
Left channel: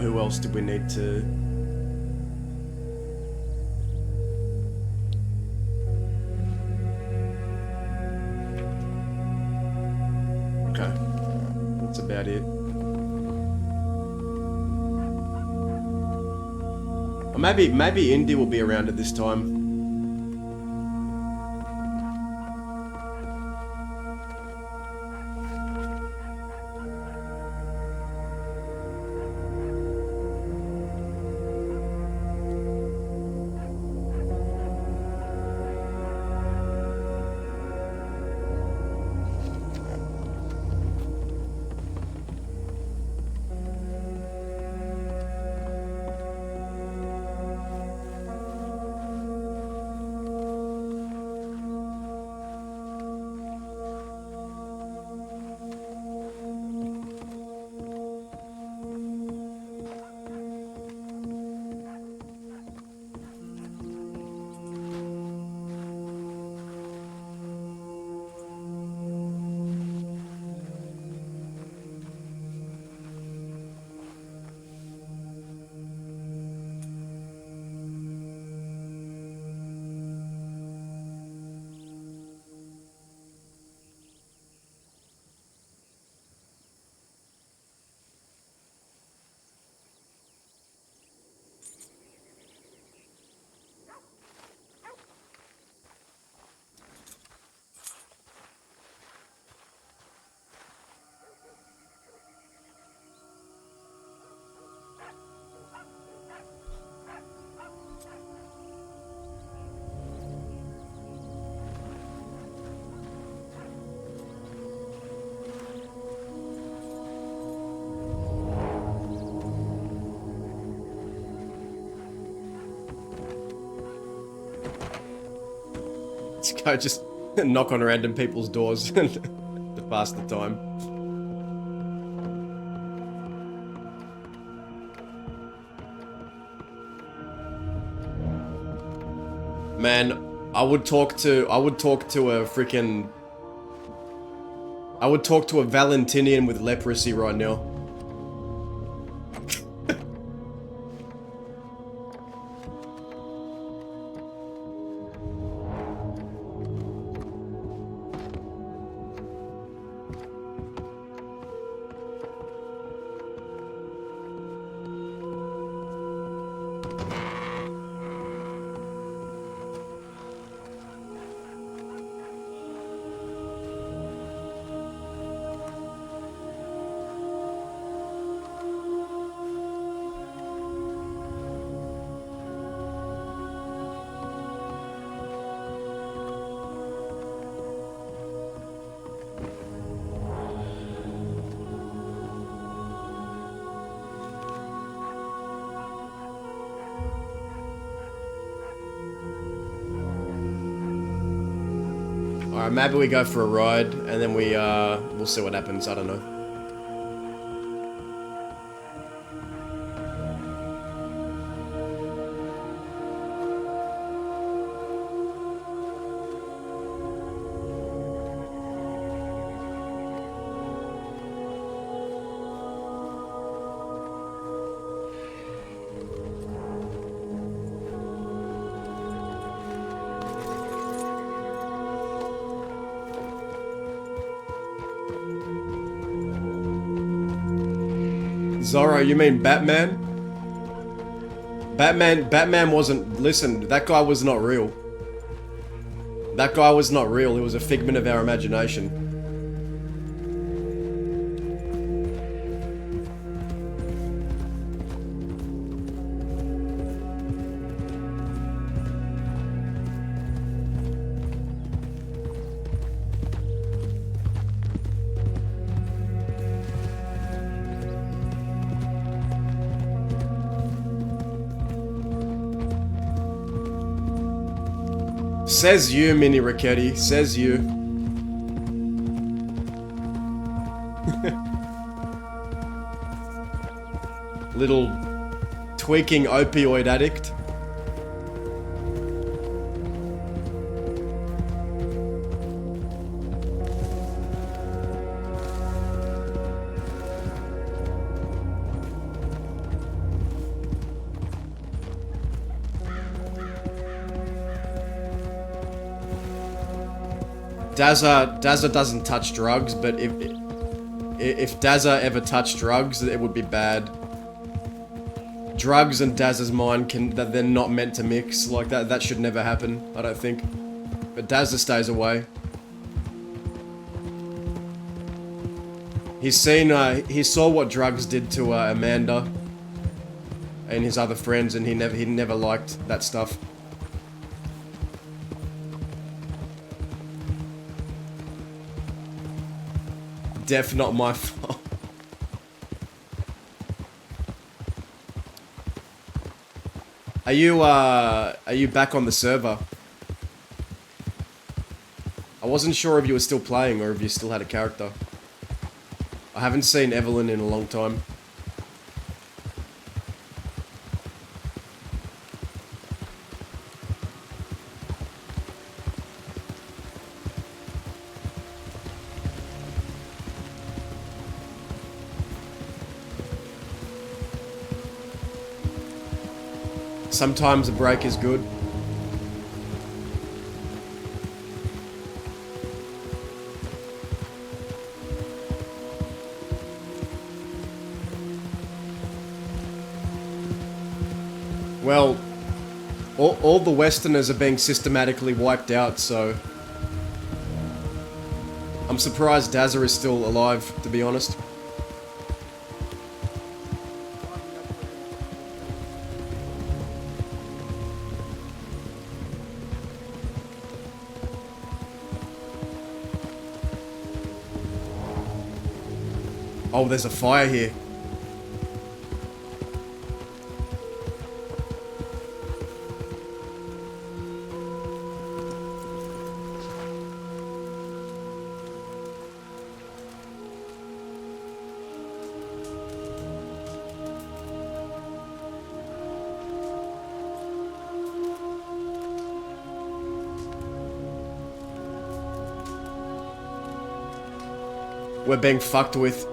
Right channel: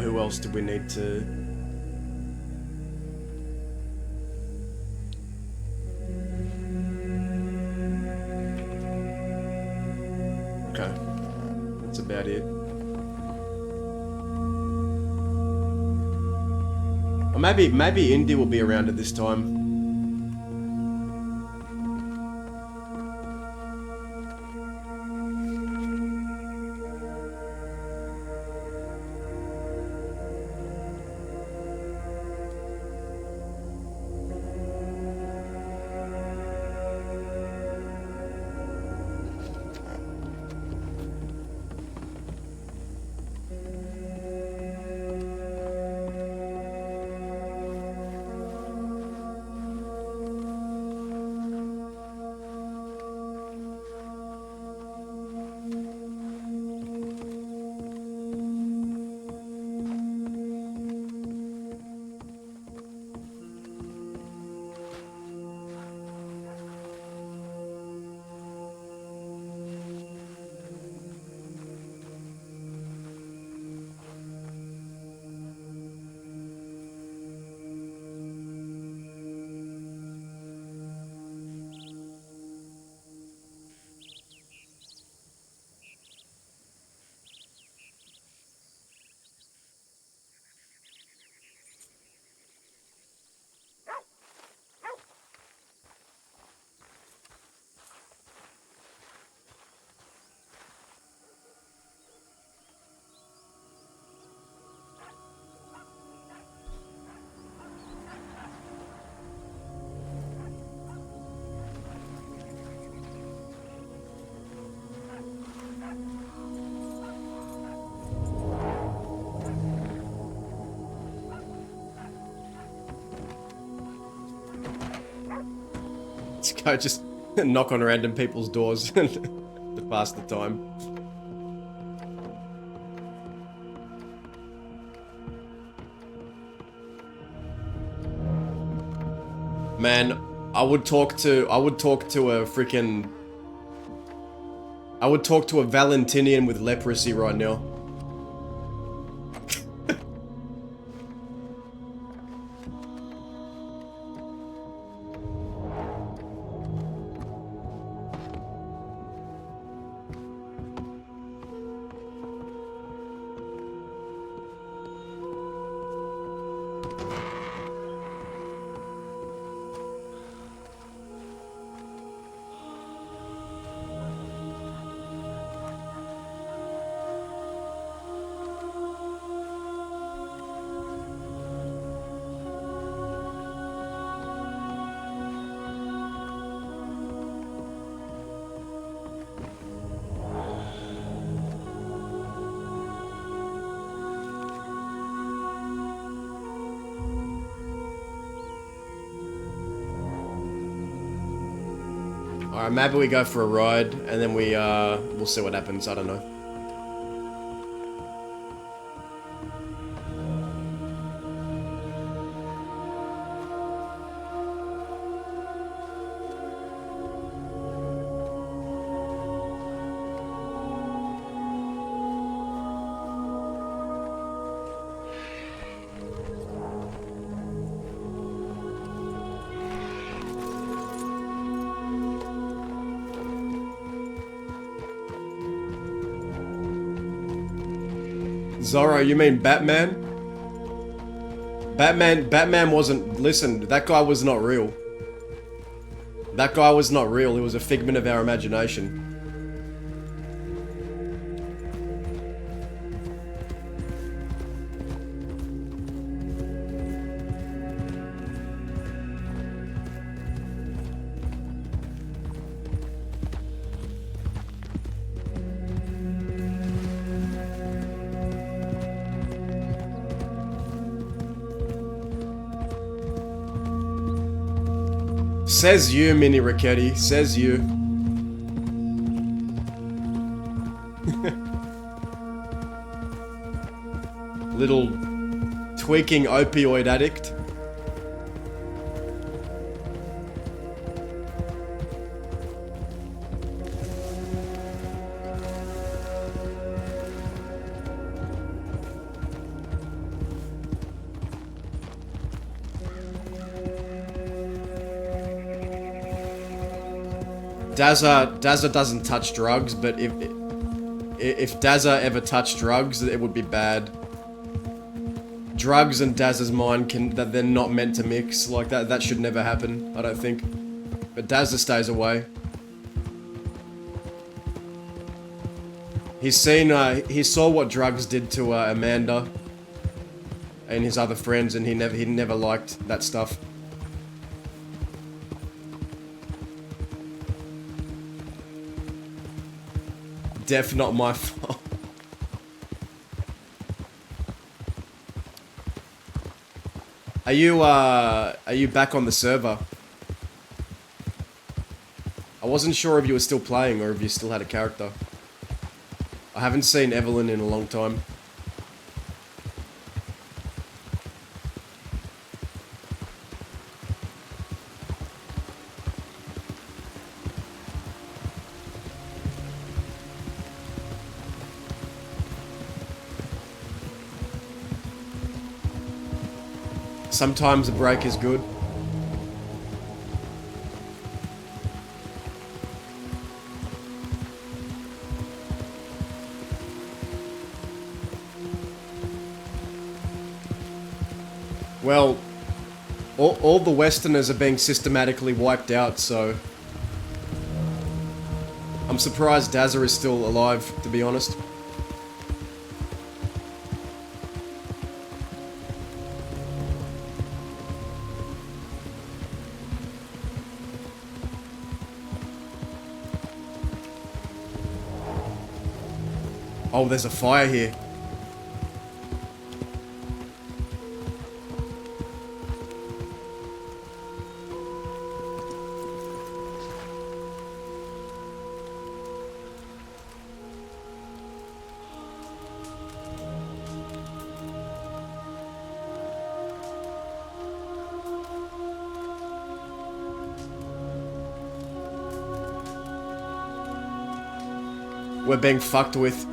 Who else did we need to... Okay. That's about it. Or maybe Indy will be around at this time. Let's go just knock on random people's doors to pass the time. Man, I would talk to a freaking... I would talk to a Valentinian with leprosy right now. Alright, maybe we go for a ride, and then we'll see what happens, I don't know. Zorro, you mean Batman? Batman wasn't... Listen, that guy was not real. That guy was not real, he was a figment of our imagination. Says you, Mini Ricchetti. Says you. Little tweaking opioid addict. Dazza doesn't touch drugs, but if Dazza ever touched drugs, it would be bad. Drugs and Dazza's mind they're not meant to mix like that. That should never happen, I don't think. But Dazza stays away. He saw what drugs did to Amanda and his other friends, and he never liked that stuff. Def not my fault. Are you back on the server? I wasn't sure if you were still playing or if you still had a character. I haven't seen Evelyn in a long time. Sometimes a break is good. Well, all the Westerners are being systematically wiped out, so... I'm surprised Dazza is still alive, to be honest. Oh, there's a fire here. We're being fucked with.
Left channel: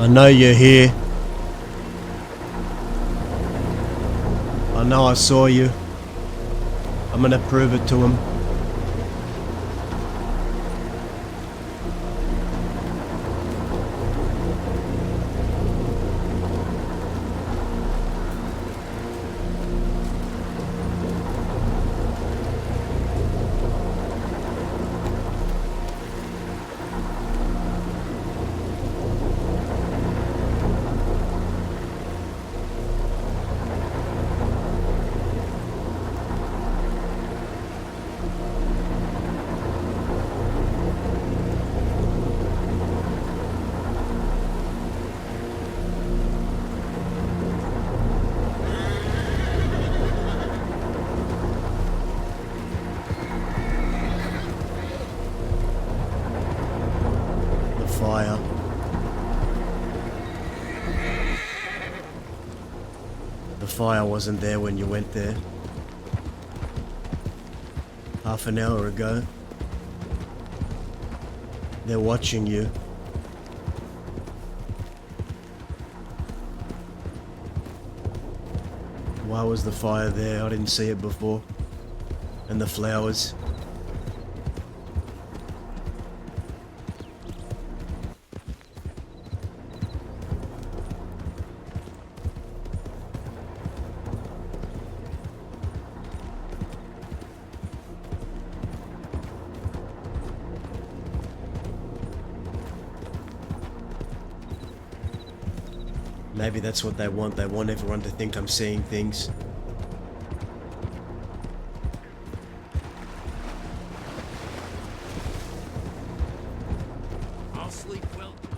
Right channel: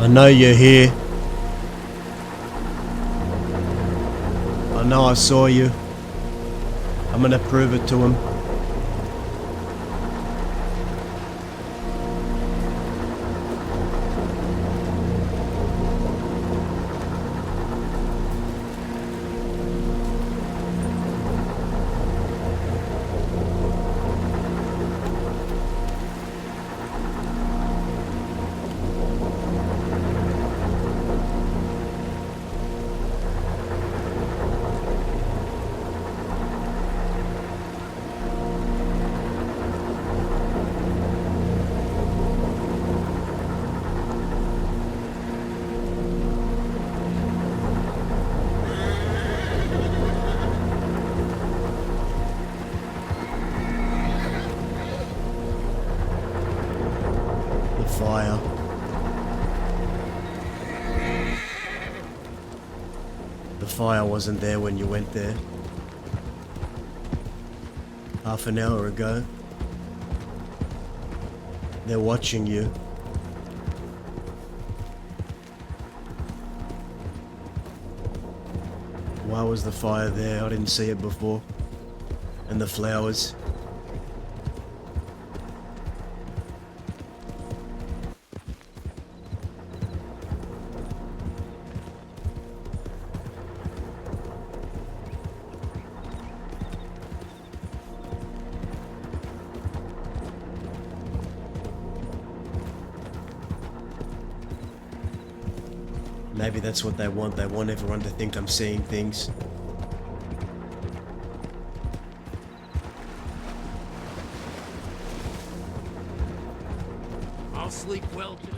I know you're here. I know I saw you. I'm gonna prove it to him. The fire. The fire wasn't there when you went there. Half an hour ago. They're watching you. Why was the fire there? I didn't see it before. And the flowers. Maybe that's what they want. They want everyone to think I'm seeing things. I'll sleep well tonight.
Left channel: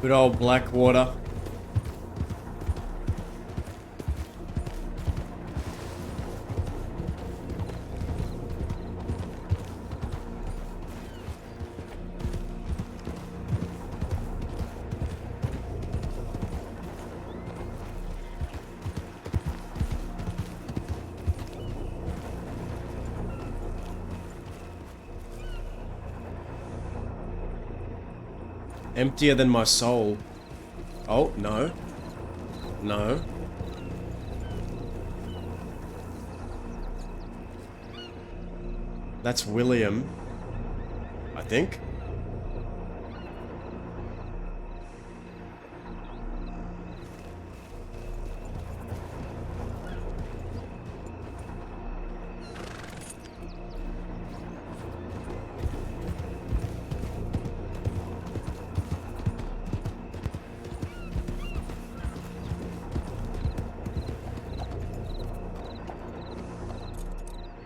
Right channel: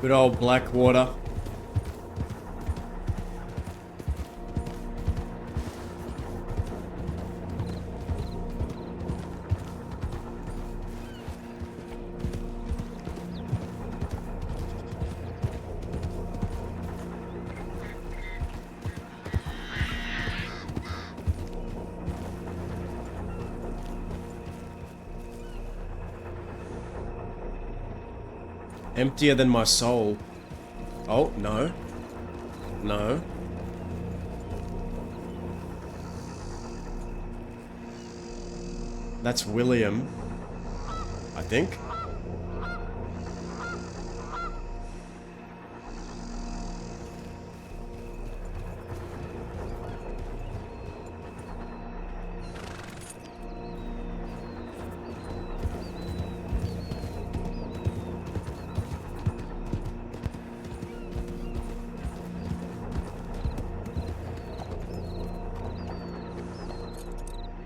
Good old Blackwater. Emptier than my soul. Oh, no. No. That's William. I think.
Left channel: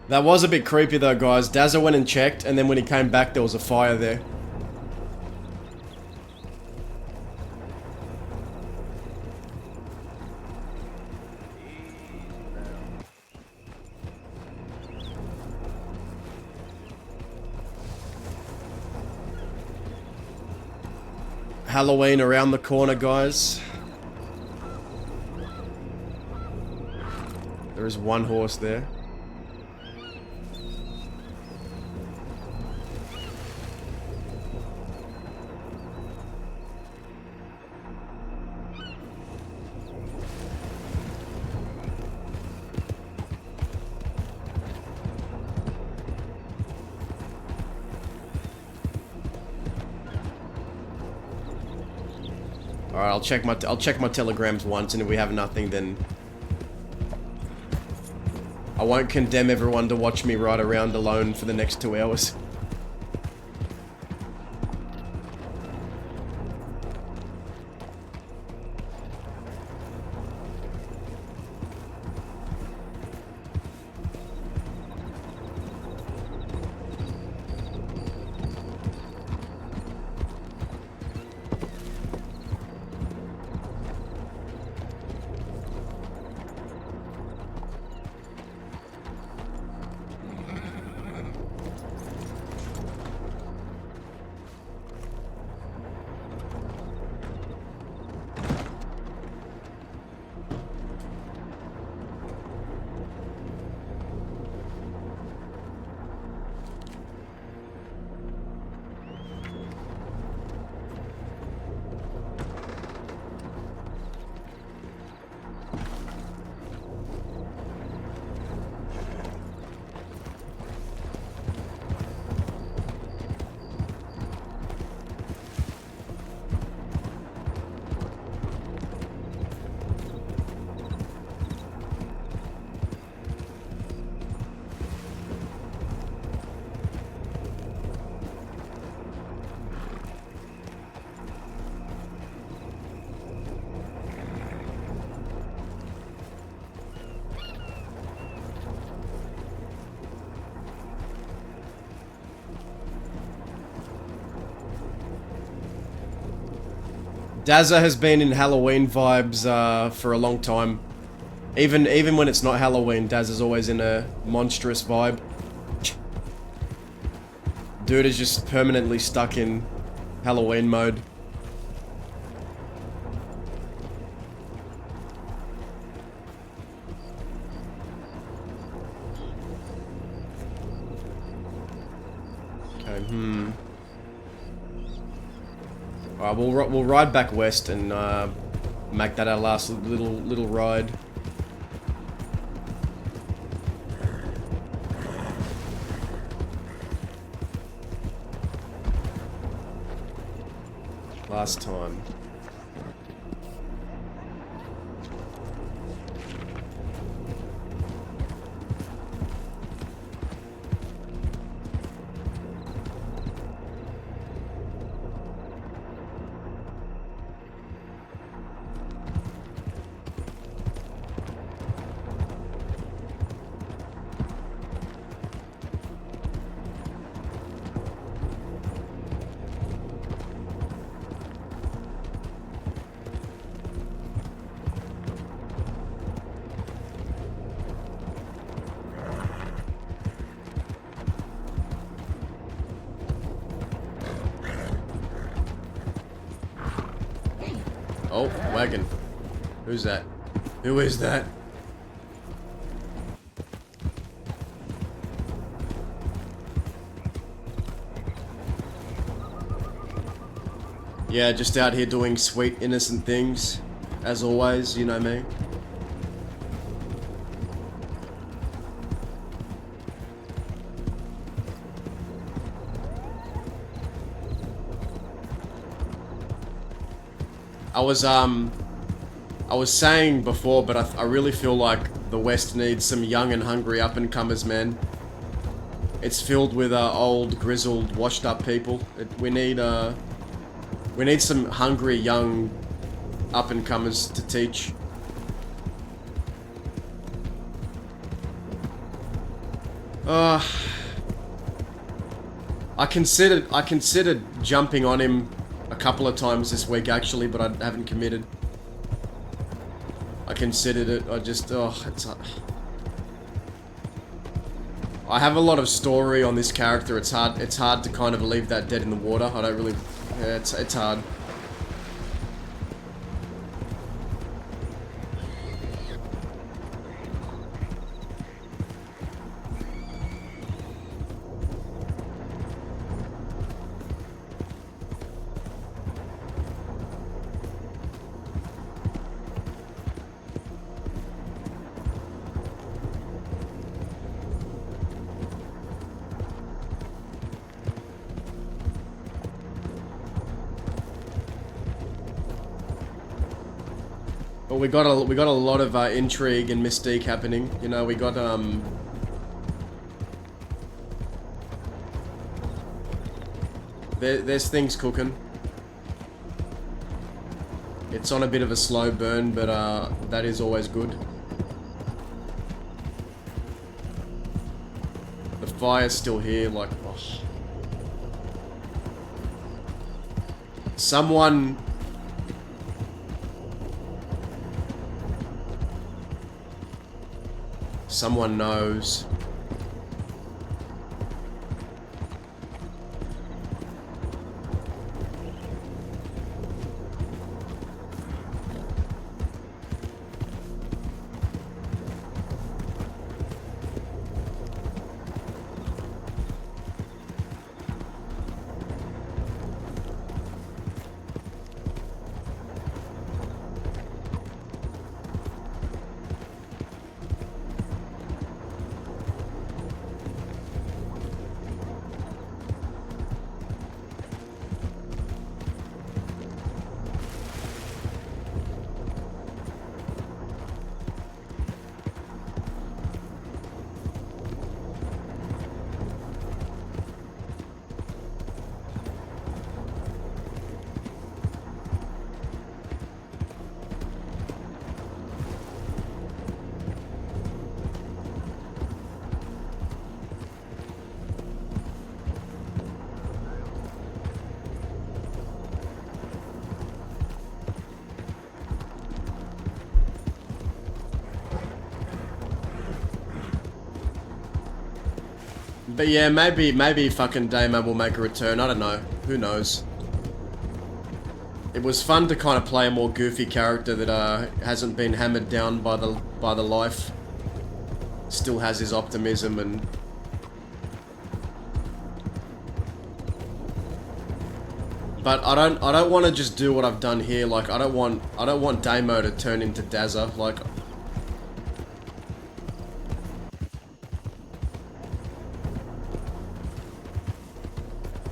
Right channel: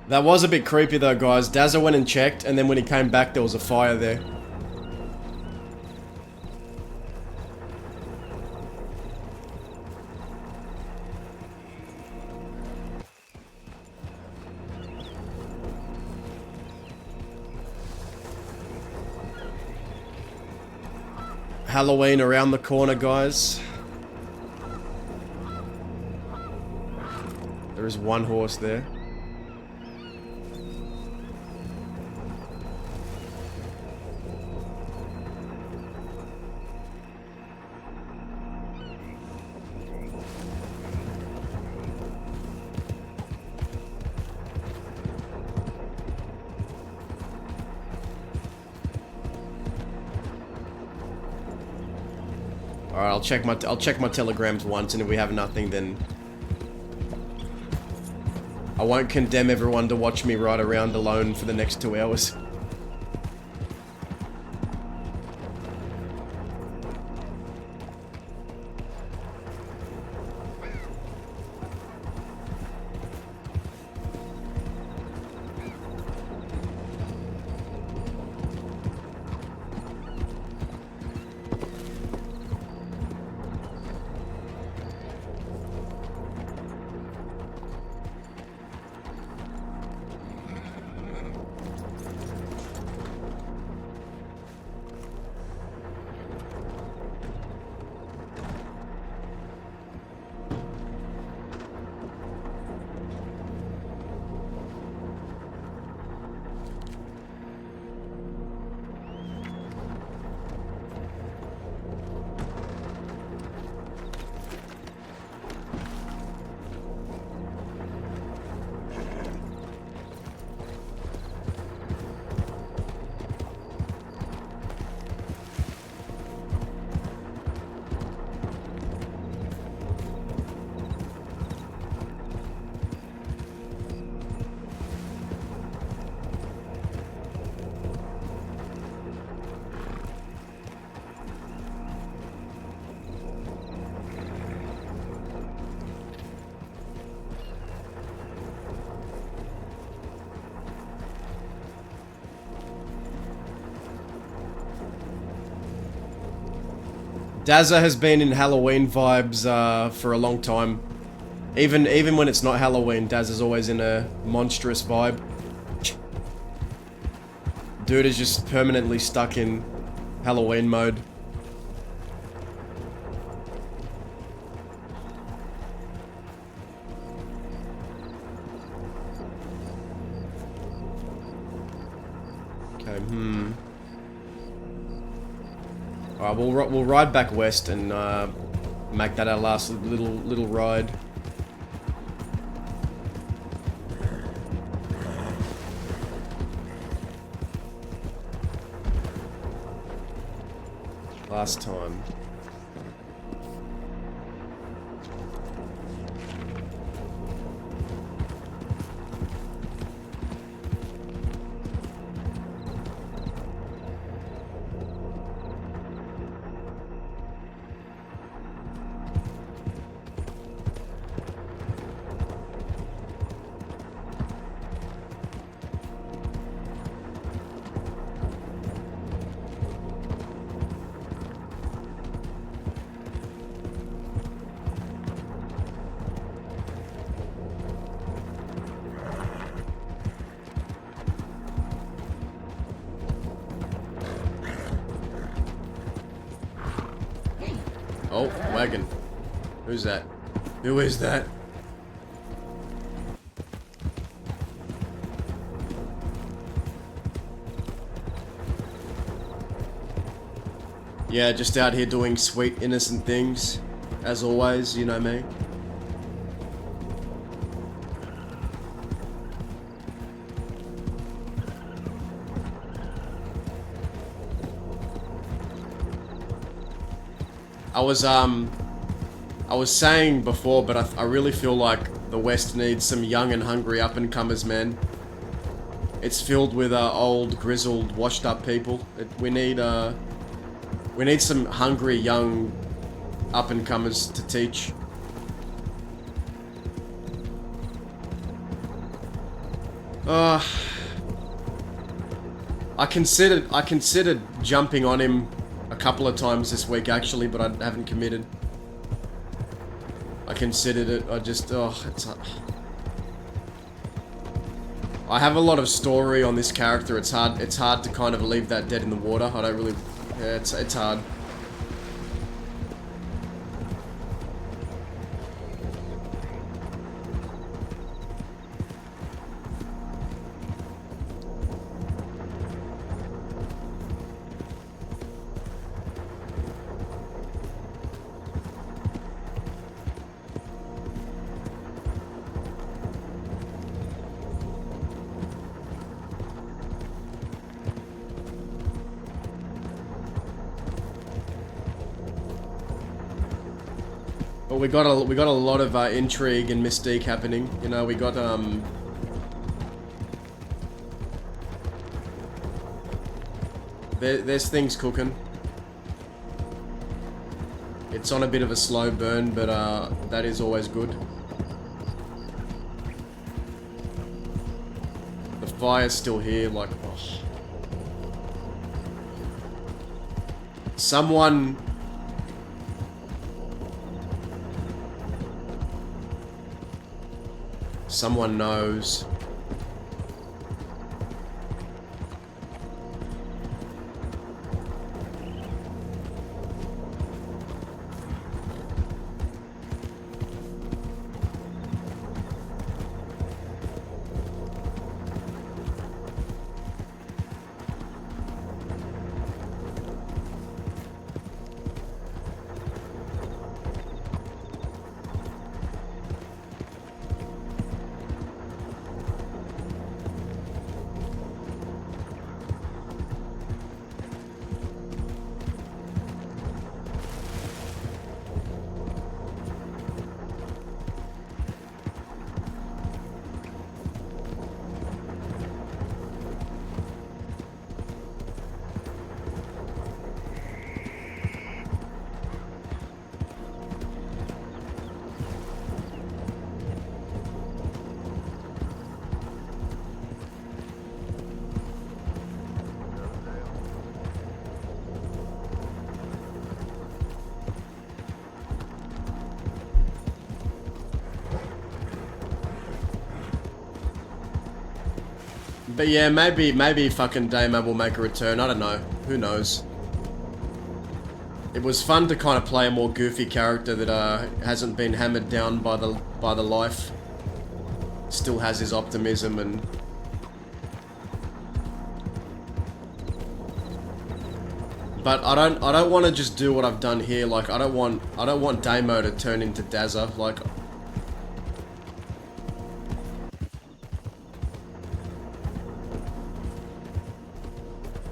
That was a bit creepy though, guys. Dazza went and checked, and then when he came back, there was a fire there. Halloween around the corner, guys. There is one horse there. Alright, I'll check my telegrams once, and if we have nothing, then I won't condemn everyone to watch me ride around alone for the next 2 hours. Dazza has been in Halloween vibes for a long time. Even when it's not Halloween, Dazza's always in a monstrous vibe. Dude is just permanently stuck in Halloween mode. Okay, Alright, we'll ride back west and make that our last little ride. Last time. Oh, wagon. Who's that? Who is that? Yeah, just out here doing sweet, innocent things. As always, you know me. I was saying before, but I really feel like the West needs some young and hungry up-and-comers, man. It's filled with old, grizzled, washed-up people. We need some hungry, young up-and-comers to teach. I considered jumping on him a couple of times this week, actually, but I haven't committed. I considered it. I just, I have a lot of story on this character. It's hard to kind of leave that dead in the water. I don't really, yeah, it's hard. But we got a lot of intrigue and mystique happening. You know, we got there's things cooking. It's on a bit of a slow burn, but that is always good. The fire's still here, like, oh. Someone knows. But yeah, maybe fucking Damo will make a return. I don't know. Who knows? It was fun to kind of play a more goofy character that hasn't been hammered down by the life. Still has his optimism and. But I don't want to just do what I've done here. Like I don't want Damo to turn into Dazza. Like.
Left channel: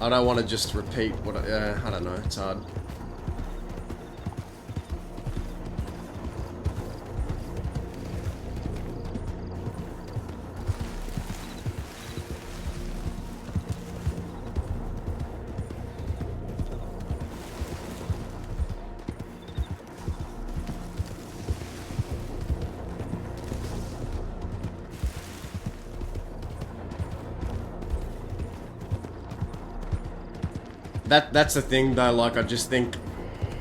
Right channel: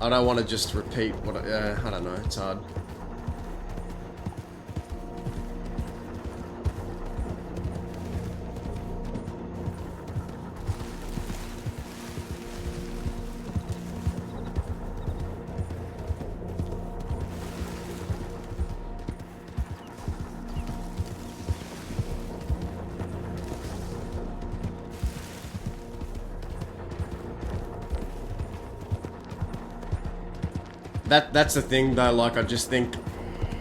I don't want to just repeat what I don't know, it's hard. That's the thing though, like I just think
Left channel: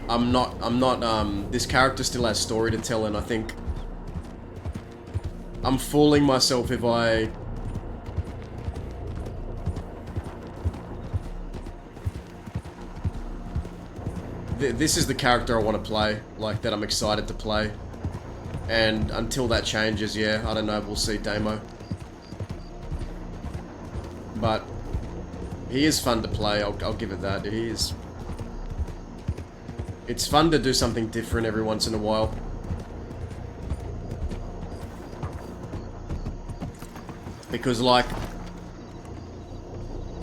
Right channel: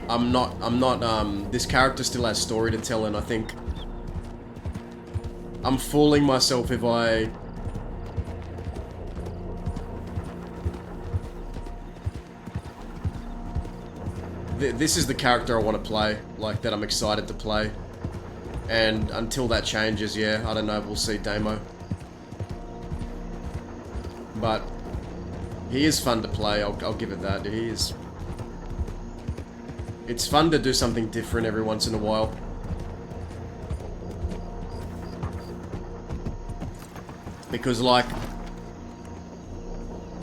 I'm not this character still has story to tell, and I think I'm fooling myself if I this is the character I want to play, like that I'm excited to play. And until that changes, yeah, I don't know, we'll see Damo. But he is fun to play, I'll give it that. He is. It's fun to do something different every once in a while. Because, like,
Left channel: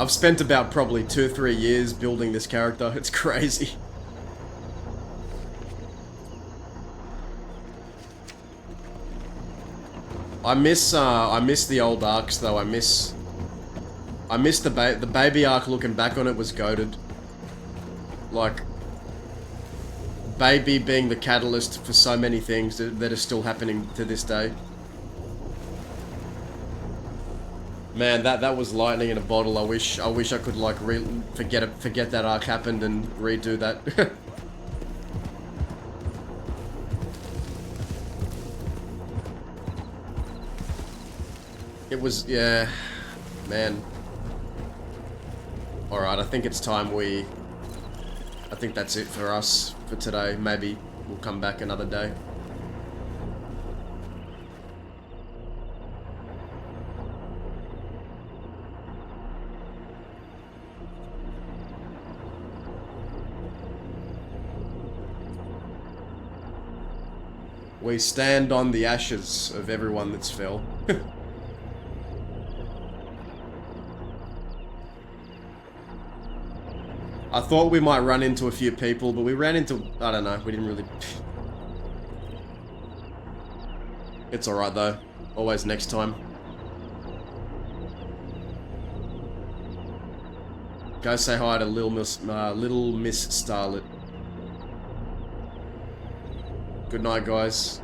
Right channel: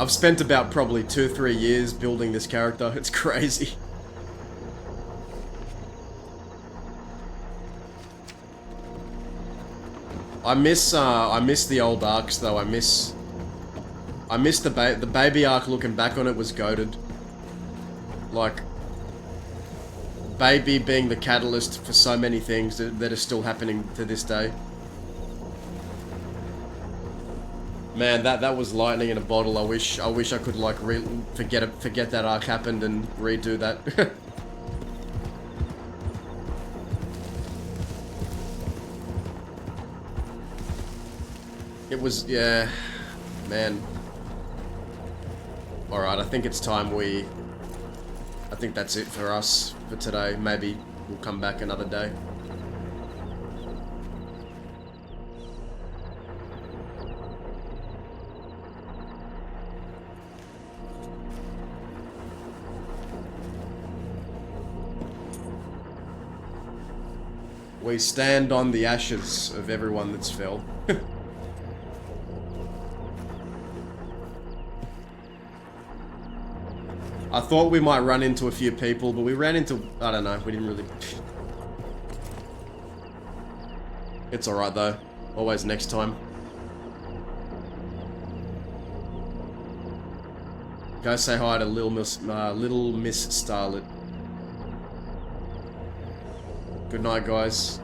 I've spent about probably 2-3 years building this character. It's crazy. I miss the old arcs though. I miss the baby arc. Looking back on it was goated. Like, baby being the catalyst for so many things that are still happening to this day. Man, that was lightning in a bottle. I wish I could like forget that arc happened and redo that. It was, yeah, man. Alright, I think it's time I think that's it for us for today. Maybe we'll come back another day. We stand on the ashes of everyone that's fell. I thought we might run into a few people, but we ran into... I don't know, we didn't really... It's alright though. Always next time. Go say hi to Little Miss Starlet. Good night, guys.